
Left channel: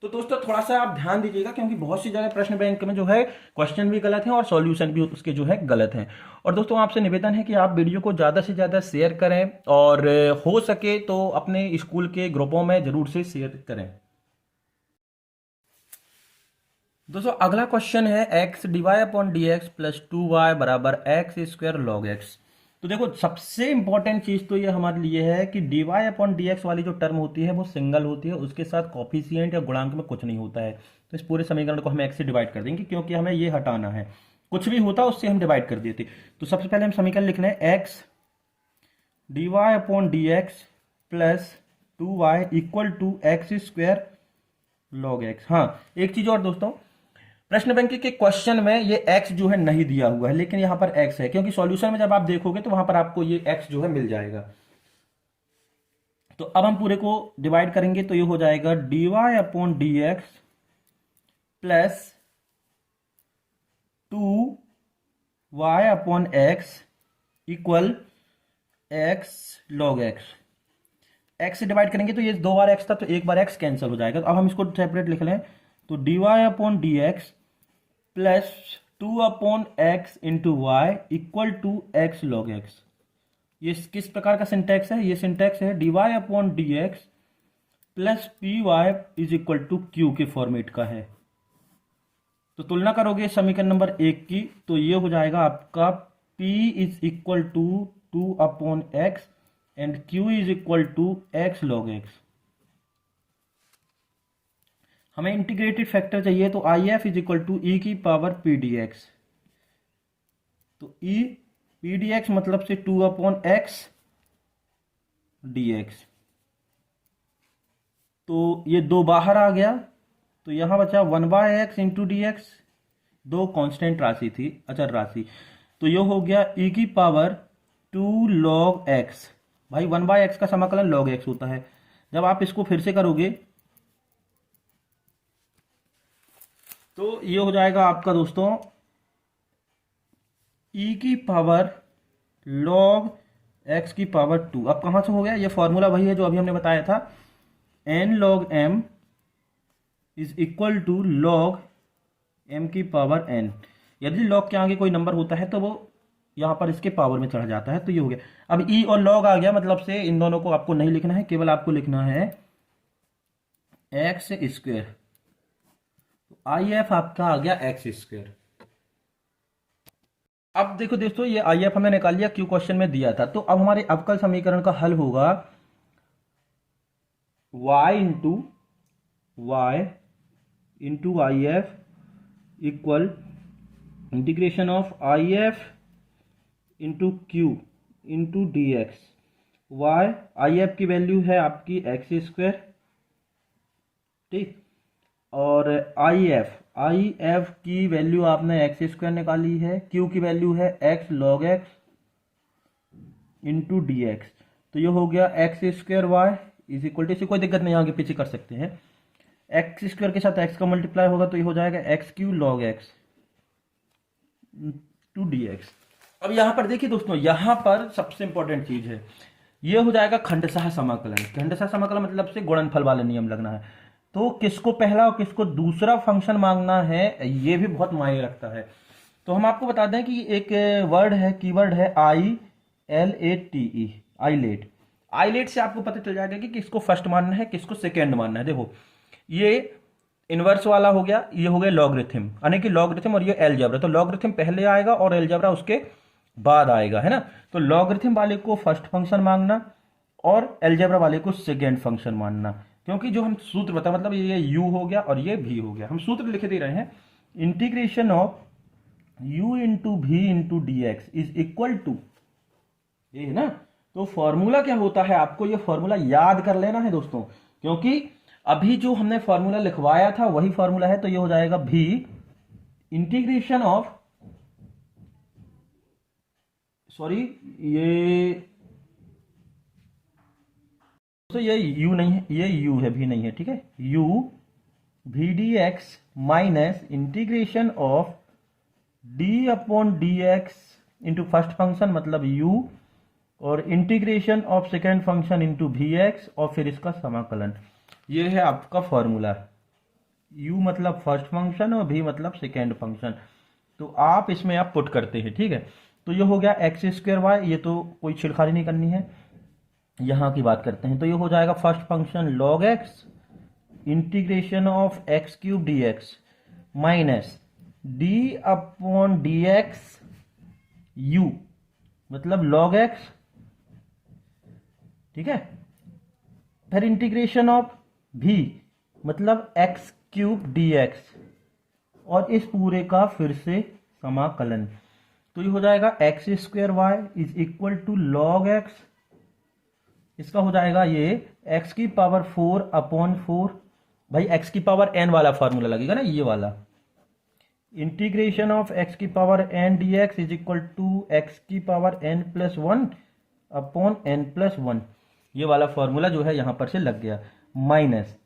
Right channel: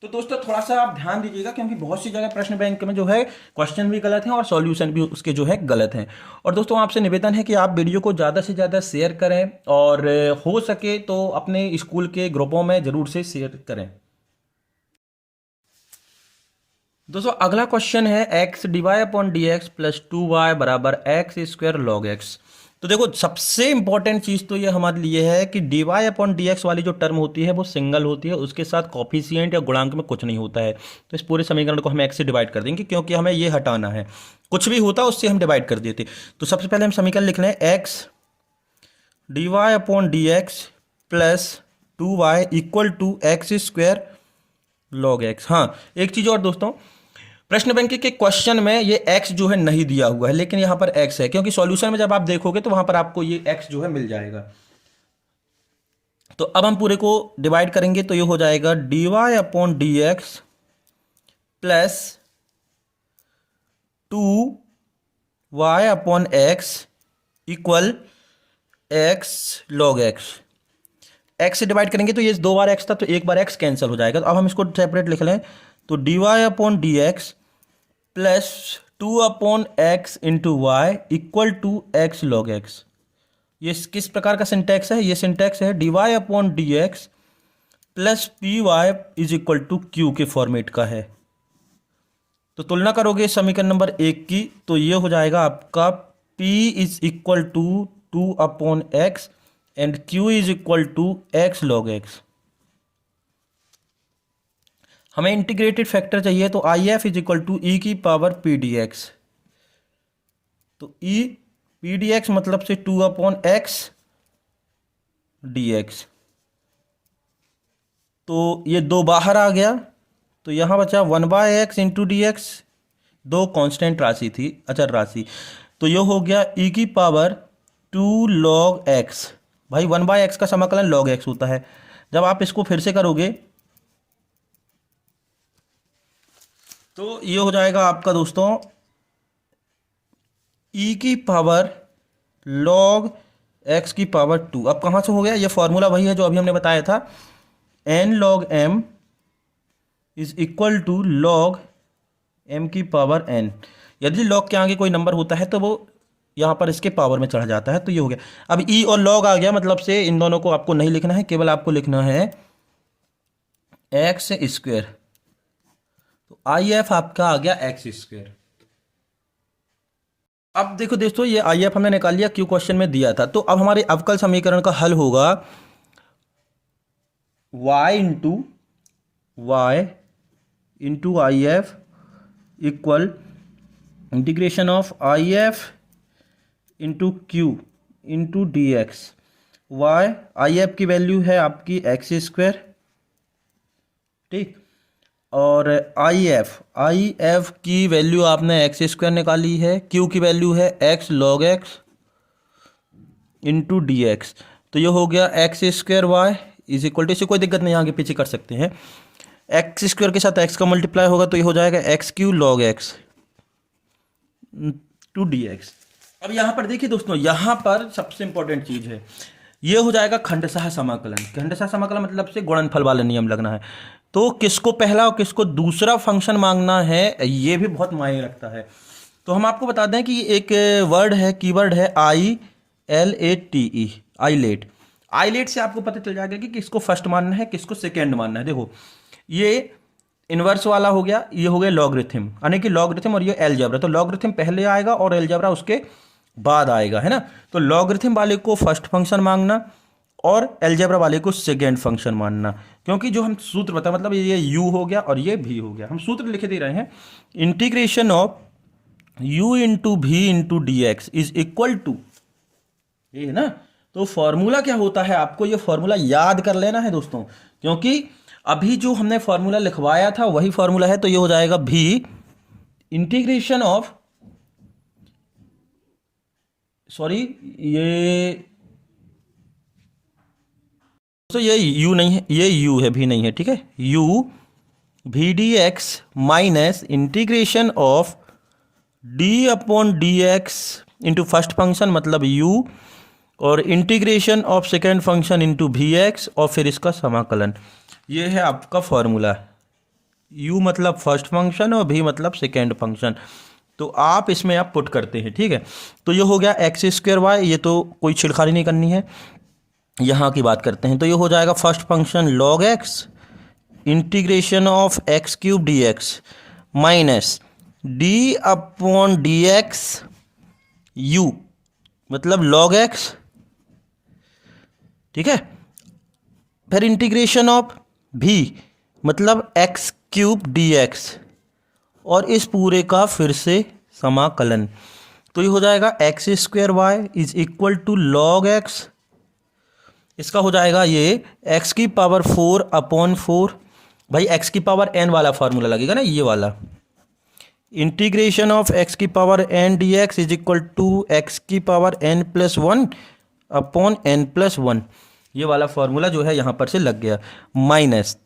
तो दोस्तों थोड़ा सा आप ध्यान दीजिएगा, क्योंकि बहुत सी जगह प्रश्न बैंक में जो है क्वेश्चन भी गलत हैं और सॉल्यूशन भी उसके जो है गलत हैं। और दोस्तों आपसे निवेदन है कि आप वीडियो को ज़्यादा से ज़्यादा शेयर करें और हो सके तो अपने स्कूल के ग्रुपों में ज़रूर से शेयर करें। दोस्तों अगला क्वेश्चन है x/dx प्लस 2y बराबर x² log x। तो देखो सबसे इंपॉर्टेंट चीज़ तो ये हमारे लिए है कि dy/dx वाली जो टर्म होती है वो सिंगल होती है, उसके साथ कॉफिशिएंट या गुणांक में कुछ नहीं होता है। तो इस पूरे समीकरण को हम x से डिवाइड कर देंगे, क्योंकि हमें ये हटाना है, कुछ भी होता उससे हम डिवाइड कर देते। तो सबसे पहले हम समीकरण लिख लें x/dx plus 2y equal to x² log x। हाँ एक चीज़ और दोस्तों, प्रश्न बैंक के क्वेश्चन में ये x जो है नहीं दिया हुआ है, लेकिन यहां पर x है, क्योंकि सॉल्यूशन में जब आप देखोगे तो वहां पर आपको ये x जो है मिल जाएगा। तो अब हम पूरे को डिवाइड करेंगे, तो ये हो जाएगा dy/dx plus 2y/x equal x log x। x से डिवाइड करेंगे तो ये 2 बार x था, तो एक बार x कैंसिल हो जाएगा। तो अब हम इसको सेपरेट लिख लें, तो dy/dx plus 2/x into Y equal to x log x। ये किस प्रकार का सिंटैक्स है? ये सिंटैक्स है dy/dx plus P Y is equal to Q के फॉर्मेट का है। तो तुलना करोगे समीकरण नंबर 1 की, तो ये हो जाएगा आपका p is equal to 2/x and q is equal to x log x। हमें इंटीग्रेटेड फैक्टर चाहिए, तो I F is equal to ई की पावर पी डी एक्स। तो ई पी डी एक्स मतलब से 2/x dx। तो ये 2 बाहर आ गया, तो यहाँ बचा 1/x into D x, 2 constant राशि थी, अचर राशि। तो ये हो गया ई की पावर 2 log x। भाई 1/x का समाकलन log x होता है। जब आप इसको फिर से करोगे तो ये हो जाएगा आपका दोस्तों e की पावर log x की पावर 2। अब कहाँ से हो गया? ये फॉर्मूला वही है जो अभी हमने बताया था, n log m is equal to log m की पावर n। यदि log के आगे कोई नंबर होता है तो वो यहाँ पर इसके पावर में चढ़ जाता है। तो ये हो गया। अब e और log आ गया, मतलब से इन दोनों को आपको नहीं लिखना है, केवल आपको लिखना है x²। तो आई एफ आपका आ गया x²। अब देखो दोस्तों, ये आई एफ हमने निकाल लिया, क्यों क्वेश्चन में दिया था। तो अब हमारे अवकल समीकरण का हल होगा y into I F equal integration of I F into Q into D X. Y I F की वैल्यू है आपकी x², ठीक, और आई एफ की वैल्यू आपने x² निकाली है, क्यू की वैल्यू है x log x into D x. तो ये हो गया x² Y is equal to, इसे कोई दिक्कत नहीं, आगे पीछे कर सकते हैं, x² के साथ x का मल्टीप्लाई होगा तो ये हो जाएगा x³ log x to D X. अब यहाँ पर देखिए दोस्तों, यहाँ पर सबसे इंपॉर्टेंट चीज़ है, ये हो जाएगा खंडशः समाकलन। खंडशः समाकलन मतलब से गुणनफल वाला नियम लगना है। तो किसको पहला और किसको दूसरा फंक्शन मांगना है, ये भी बहुत मायने रखता है। तो हम आपको बता दें कि एक वर्ड है, कीवर्ड है ILATE, आईलेट। आईलेट से आपको पता चल जाएगा कि किसको फर्स्ट मानना है, किसको सेकेंड मानना है। देखो ये इनवर्स वाला हो गया, ये हो गया लॉगरिथम, यानी कि लॉगरिथम, और ये अलजेब्रा। तो लॉगरिथम पहले आएगा और अलजेब्रा उसके बाद आएगा, है ना। तो लॉगरिथम वाले को फर्स्ट फंक्शन मांगना और अलजेब्रा वाले को सेकेंड फंक्शन मानना, क्योंकि जो हम सूत्र बता, मतलब ये u हो गया और ये v हो गया। हम सूत्र लिख दे रहे हैं, integration of u into V into D x is equal to, ये है ना। तो फॉर्मूला क्या होता है, आपको ये फॉर्मूला याद कर लेना है दोस्तों, क्योंकि अभी जो हमने फॉर्मूला लिखवाया था वही फॉर्मूला है। तो ये हो जाएगा v इंटीग्रेशन ऑफ, सॉरी ये, तो ये u नहीं है, ये u है, भी नहीं है, ठीक है, u V D x minus integration of D upon D x into first function मतलब u और integration of second function into V X और फिर इसका समाकलन। ये है आपका फॉर्मूला। u मतलब फर्स्ट फंक्शन और v मतलब सेकेंड फंक्शन। तो आप इसमें आप पुट करते हैं, ठीक है। तो ये हो गया एक्स स्क्वायर वाई, ये तो कोई छिड़खानी नहीं करनी है, यहाँ की बात करते हैं। तो ये हो जाएगा first function log x integration of x cube D x minus D upon D x you मतलब लॉग एक्स, ठीक है। फिर इंटीग्रेशन ऑफ भी मतलब एक्स क्यूब डी एक्स और इस पूरे का फिर से समाकलन। तो ये हो जाएगा X square Y is equal to log X, इसका हो जाएगा ये एक्स की पावर 4 अपॉन 4, भाई एक्स की पावर n वाला फार्मूला लगेगा ना, ये वाला। इंटीग्रेशन ऑफ एक्स की power n d x is equal to x की power n plus 1 upon n plus 1, ये वाला फार्मूला जो है यहाँ पर से लग गया। माइनस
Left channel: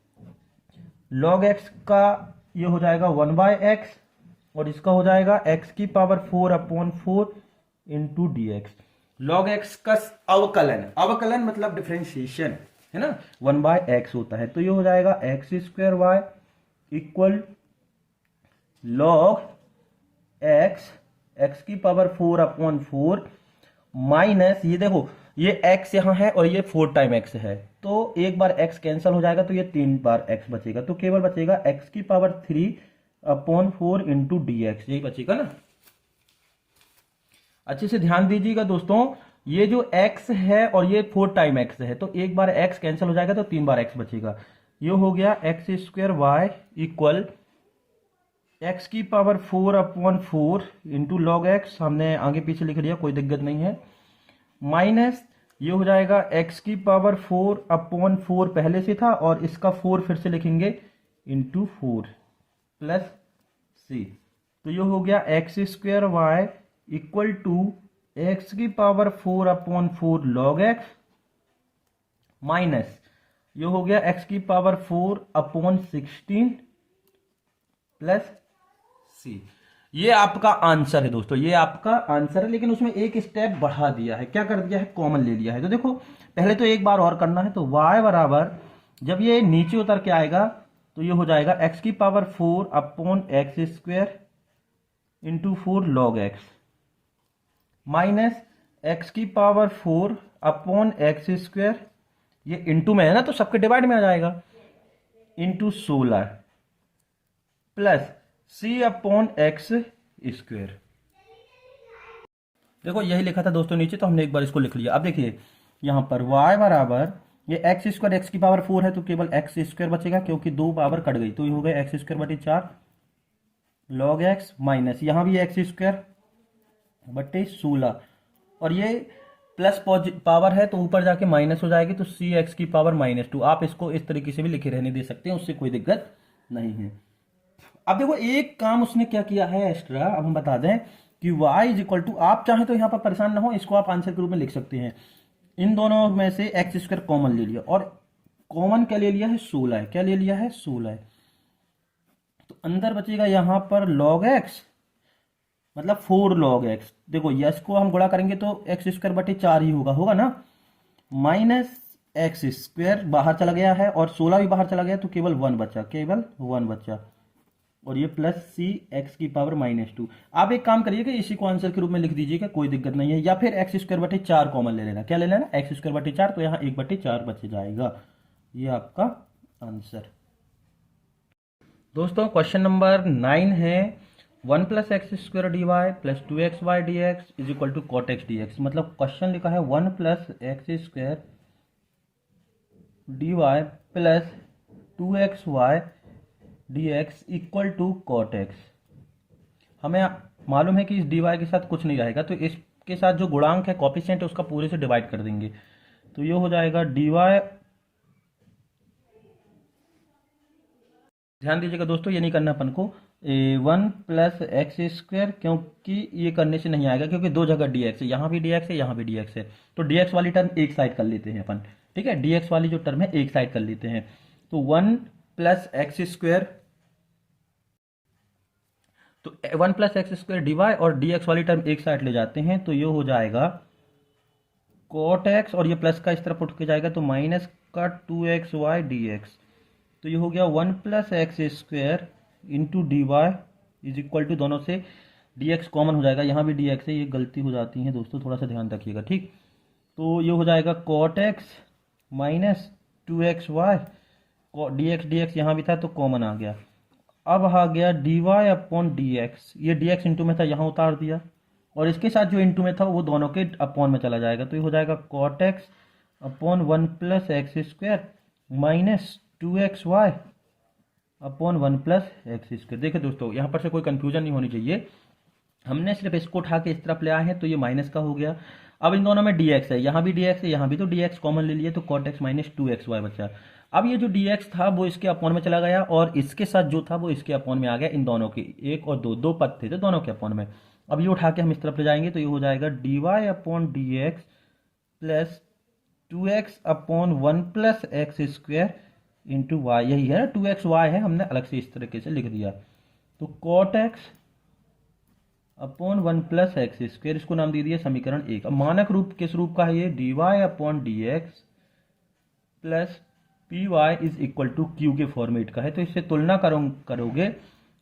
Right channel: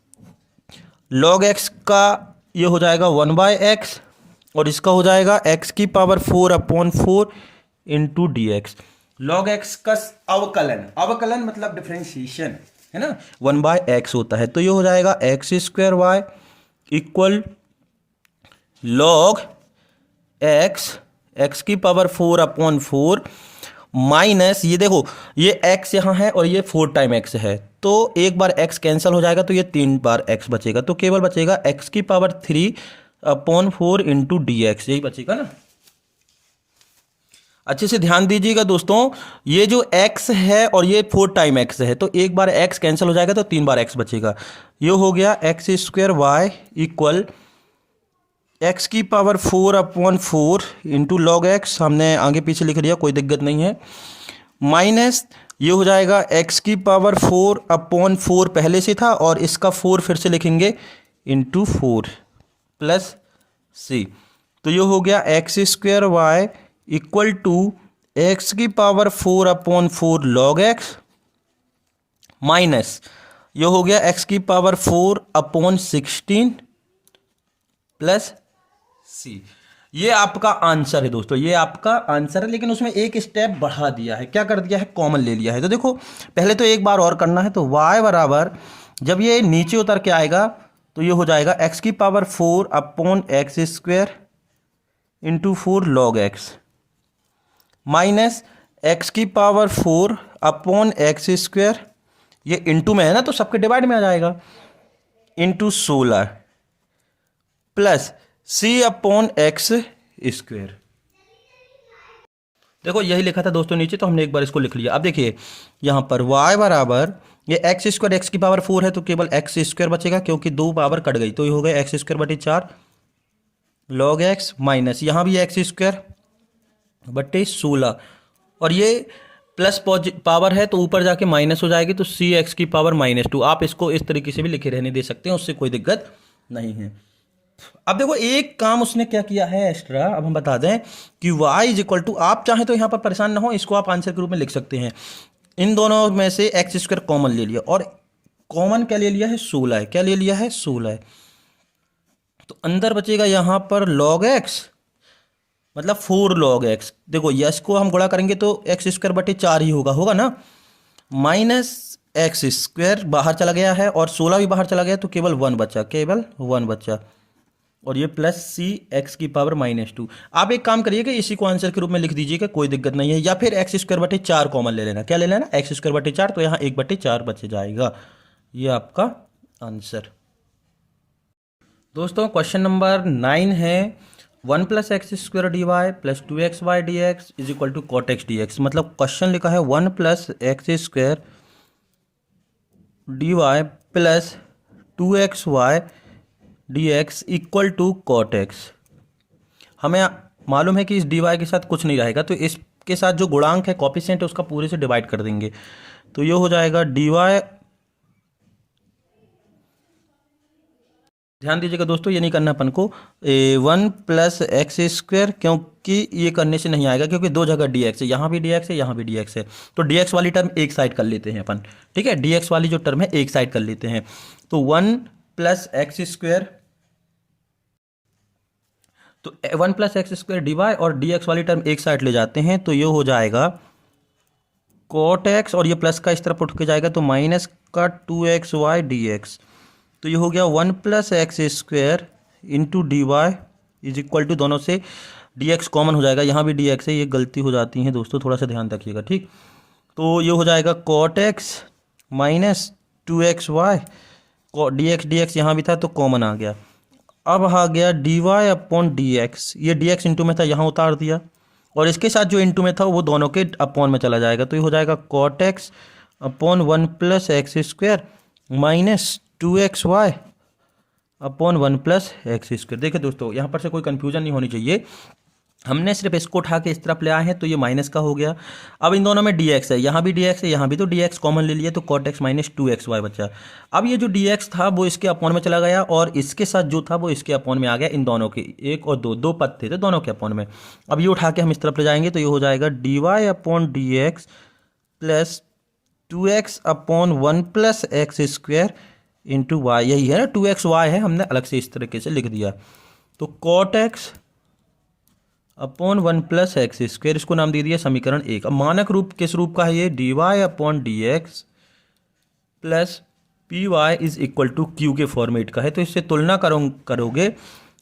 लॉग एक्स का ये हो जाएगा 1/x और इसका हो जाएगा एक्स की power 4 upon 4 into D x. Log x का अवकलन, अवकलन मतलब डिफरेंशिएशन है ना, 1/x होता है। तो ये हो जाएगा X square Y equal log X, X की पावर 4 अपॉन 4 माइनस ये देखो ये x यहाँ है और ये 4 टाइम x है, तो एक बार x कैंसिल हो जाएगा तो ये 3 बार x बचेगा, तो केवल बचेगा x की power 3 upon 4 into D x, यही बचेगा ना। अच्छे से ध्यान दीजिएगा दोस्तों, ये जो x है और ये 4 टाइम x है, तो एक बार x कैंसिल हो जाएगा तो 3 बार x बचेगा। ये हो गया x square Y equal x की power 4 upon 4 into log x, हमने आगे पीछे लिख दिया, कोई दिक्कत नहीं है। माइनस ये हो जाएगा एक्स की पावर 4 अपॉन 4 पहले से था और इसका 4 फिर से लिखेंगे इंटू 4 प्लस सी। तो ये हो गया x square Y equal to x की power 4 upon 4 log x minus ये हो गया एक्स की पावर 4 अपॉन 16 प्लस सी। ये आपका आंसर है दोस्तों, ये आपका आंसर है, लेकिन उसमें एक स्टेप बढ़ा दिया है। क्या कर दिया है, कॉमन ले लिया है। तो देखो पहले तो एक बार और करना है, तो y बराबर जब ये नीचे उतर के आएगा तो ये हो जाएगा एक्स की power 4 upon x square into 4 log x minus x की पावर 4 अपॉन एक्स स्क्वायर, ये इंटू में है ना तो सबके डिवाइड में आ जाएगा, into 16 plus C upon x square. देखो यही लिखा था दोस्तों नीचे, तो हमने एक बार इसको लिख लिया। अब देखिए यहाँ पर y बराबर ये एक्स स्क्वायर एक्स की पावर 4 है तो केवल एक्स स्क्वायर बचेगा क्योंकि 2 पावर कट गई, तो ये हो गया एक्स स्क्वायर बटे 4 लॉग एक्स माइनस यहाँ भी एक्स स्क्वायर बटे 16 और ये प्लस पावर है तो ऊपर जाके माइनस हो जाएगी, तो सी एक्स की पावर -2। आप इसको इस तरीके से भी लिखे रहने दे सकते हैं, उससे कोई दिक्कत नहीं है। अब देखो एक काम उसने क्या किया है एक्स्ट्रा, अब हम बता दें कि y इज इक्वल टू, आप चाहें तो यहाँ पर परेशान ना हो, इसको आप आंसर के रूप में लिख सकते हैं। इन दोनों में से एक्स स्क्वायर कॉमन ले लिया और कॉमन क्या ले लिया है, 16 है। क्या ले लिया है, 16 है। तो अंदर बचेगा यहाँ पर लॉग एक्स मतलब 4 लॉग एक्स। देखो यस को हम गुणा करेंगे तो एक्स स्क्वायर बटे 4 ही होगा ना, माइनस एक्स स्क्वायर बाहर चला गया है और 16 भी बाहर चला गया, तो केवल 1 बचा, केवल 1 बचा और ये प्लस सी एक्स की पावर -2। आप एक काम करिए कि इसी को आंसर के रूप में लिख दीजिएगा, कोई दिक्कत नहीं है, या फिर एक्स स्क्वायर बटे 4 कॉमन ले लेना। क्या ले लेना, एक्स स्क्वायर बटे 4, तो यहाँ 1/4 बच जाएगा। ये आपका आंसर। दोस्तों क्वेश्चन नंबर 9 है 1 + x square D Y plus 2xy D x is equal to cot X D X. मतलब क्वेश्चन लिखा है 1 + x square D Y plus 2xy D X equal to cot X. हमें मालूम है कि इस डी वाई के साथ कुछ नहीं रहेगा, तो इसके साथ जो गुणांक है कॉफिशिएंट है उसका पूरे से डिवाइड कर देंगे, तो ये हो जाएगा डी वाई। ध्यान दीजिएगा दोस्तों, ये नहीं करना अपन को 1 + x स्क्वायर, क्योंकि ये करने से नहीं आएगा, क्योंकि दो जगह डी एक्स है, यहाँ भी डी एक्स है, यहाँ भी डी एक्स है, तो डी एक्स वाली टर्म एक साइड कर लेते हैं अपन, ठीक है। डी एक्स वाली जो टर्म है एक साइड कर लेते हैं, तो 1 + x स्क्वायर तो 1+x² dy और dx वाली टर्म एक साइड ले जाते हैं तो ये हो जाएगा cot x, और ये प्लस का इस तरफ उठ के जाएगा तो माइनस का 2xy dx। तो ये हो गया 1+x² into D Y is equal to, दोनों से dx कॉमन हो जाएगा, यहाँ भी dx है, ये गलती हो जाती है दोस्तों, थोड़ा सा ध्यान रखिएगा, ठीक। तो ये हो जाएगा cot x minus 2xy, dx यहाँ भी था तो कॉमन आ गया। अब आ गया dy अपॉन dx, ये dx इंटू में था यहाँ उतार दिया, और इसके साथ जो इंटू में था वो दोनों के अपॉन में चला जाएगा, तो ये हो जाएगा cot x upon 1+x² minus 2xy upon 1+x²। देखिए दोस्तों, यहाँ पर से कोई कन्फ्यूजन नहीं होनी चाहिए, हमने सिर्फ इसको उठा के इस तरफ ले आए हैं तो ये माइनस का हो गया। अब इन दोनों में dx है, यहाँ भी dx है, यहाँ भी, तो dx कॉमन ले लिए तो cot x माइनस 2xy बचा। अब ये जो dx था वो इसके अपॉन में चला गया, और इसके साथ जो था वो इसके अपॉन में आ गया, इन दोनों के, एक और दो पद थे तो दोनों के अपॉन में। अब ये उठा के हम इस तरफ ले जाएंगे तो ये हो जाएगा dy upon dx plus 2x upon 1+x² into Y, यही है ना, 2xy है, हमने अलग से इस तरीके से लिख दिया। तो cot x अपॉन 1+x², इसको नाम दे दिया समीकरण 1। अब मानक रूप किस रूप का है ये, dy upon dx plus P Y is equal to Q के फॉर्मेट का है। तो इससे तुलना करोगे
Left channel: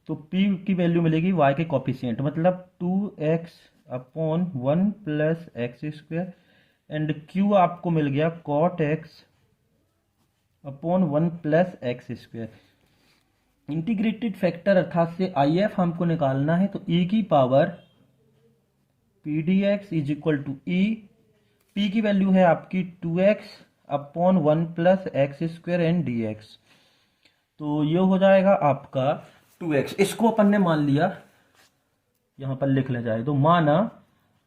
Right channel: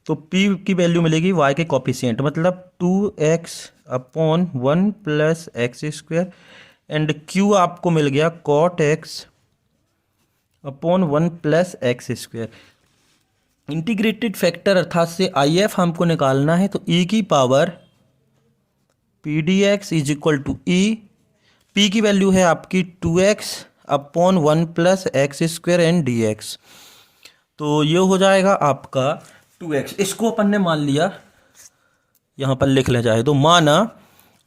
तो p की वैल्यू मिलेगी y के कॉफिशिएंट, मतलब 2x upon 1+x² and q आपको मिल गया cot x upon 1+x²। Integrated factor अर्थात से IF हमको निकालना है, तो e की power P D x is equal to E, पी की वैल्यू है आपकी 2x upon 1+x² and dx। तो ये हो जाएगा आपका 2x, इसको अपन ने मान लिया, यहाँ पर लिख ले जाए तो माना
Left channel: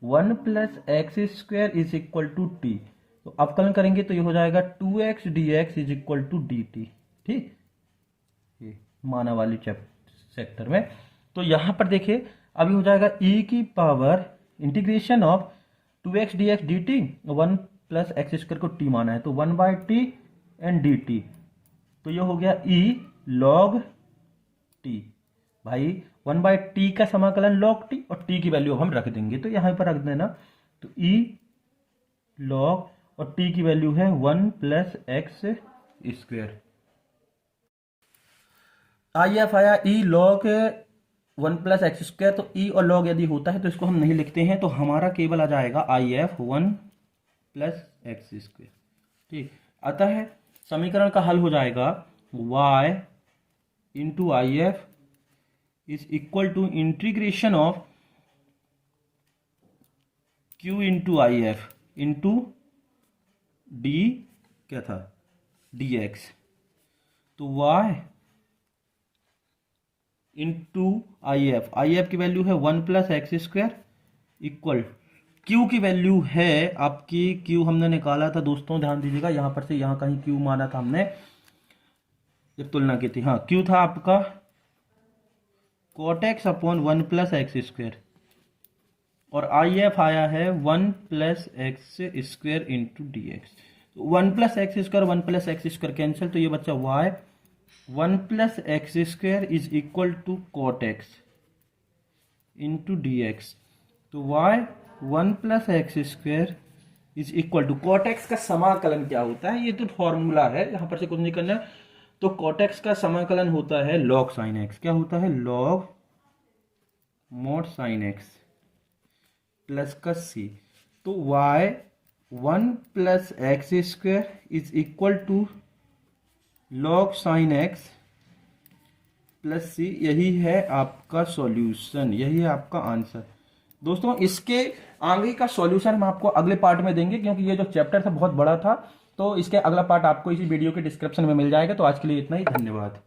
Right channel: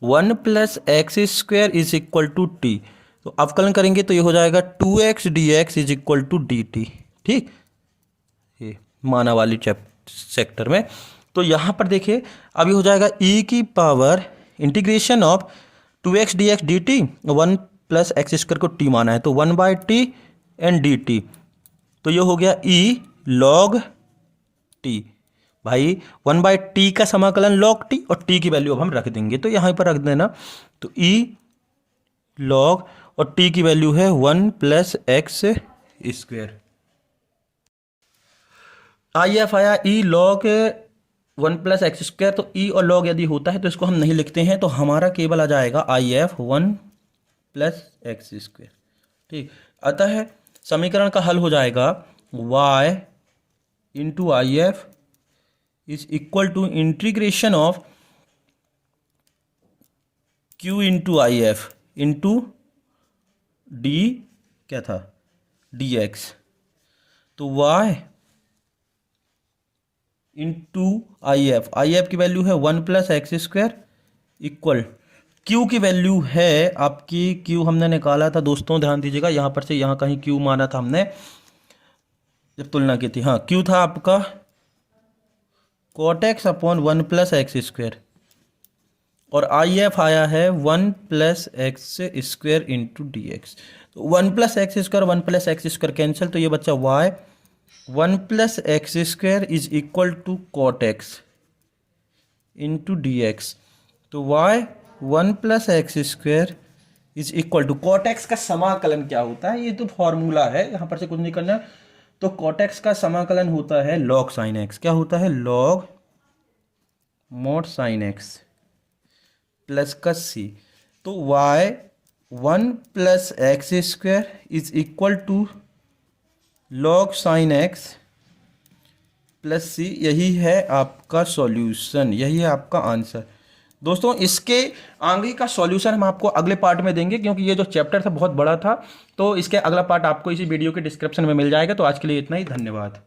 1+x² is equal to T, तो अवकलन करेंगे तो ये हो जाएगा 2x dx is equal to dt, ठीक, ये माना वाली सेक्टर में। तो यहाँ पर देखिए अब ये हो जाएगा e की power integration of 2x dx dt, 1+x² को t माना है तो 1/t एंड dt, तो ये हो गया e log t। भाई 1/t का समाकलन log t, और t की वैल्यू अब हम रख देंगे, तो यहाँ पर रख देना, तो e log, और t की वैल्यू है 1+x²। IF आया e log 1+x², तो e और log यदि होता है तो इसको हम नहीं लिखते हैं, तो हमारा केवल आ जाएगा IF 1+x², ठीक। अतः समीकरण का हल हो जाएगा y into IF is equal to integration of q into IF into D, क्या था, dx, तो y इंटू IF की वैल्यू है 1+x² इक्वल, Q की वैल्यू है आपकी, Q हमने निकाला था दोस्तों, ध्यान दीजिएगा, यहाँ पर से यहाँ कहीं Q माना था हमने जब तुलना की थी, हाँ Q था आपका cot x अपॉन 1+x², और IF आया है 1+x² इंटू dx। तो 1+x² 1+x² कैंसिल, तो ये बच्चा y 1+x² is equal to cot x into dx। तो y 1+x² is equal to, cot x का समाकलन क्या होता है, ये तो फॉर्मूला है, यहाँ पर से कुछ नहीं करना है। तो cot x का समाकलन होता है log sin x, क्या होता है, log mod sin x plus का c। तो y 1+x² is equal to log sin x plus c, यही है आपका सॉल्यूशन, यही है आपका आंसर। दोस्तों इसके आगे का सॉल्यूशन हम आपको अगले पार्ट में देंगे, क्योंकि ये जो चैप्टर था बहुत बड़ा था, तो इसके अगला पार्ट आपको इसी वीडियो के डिस्क्रिप्शन में मिल जाएगा। तो आज के लिए इतना ही, धन्यवाद।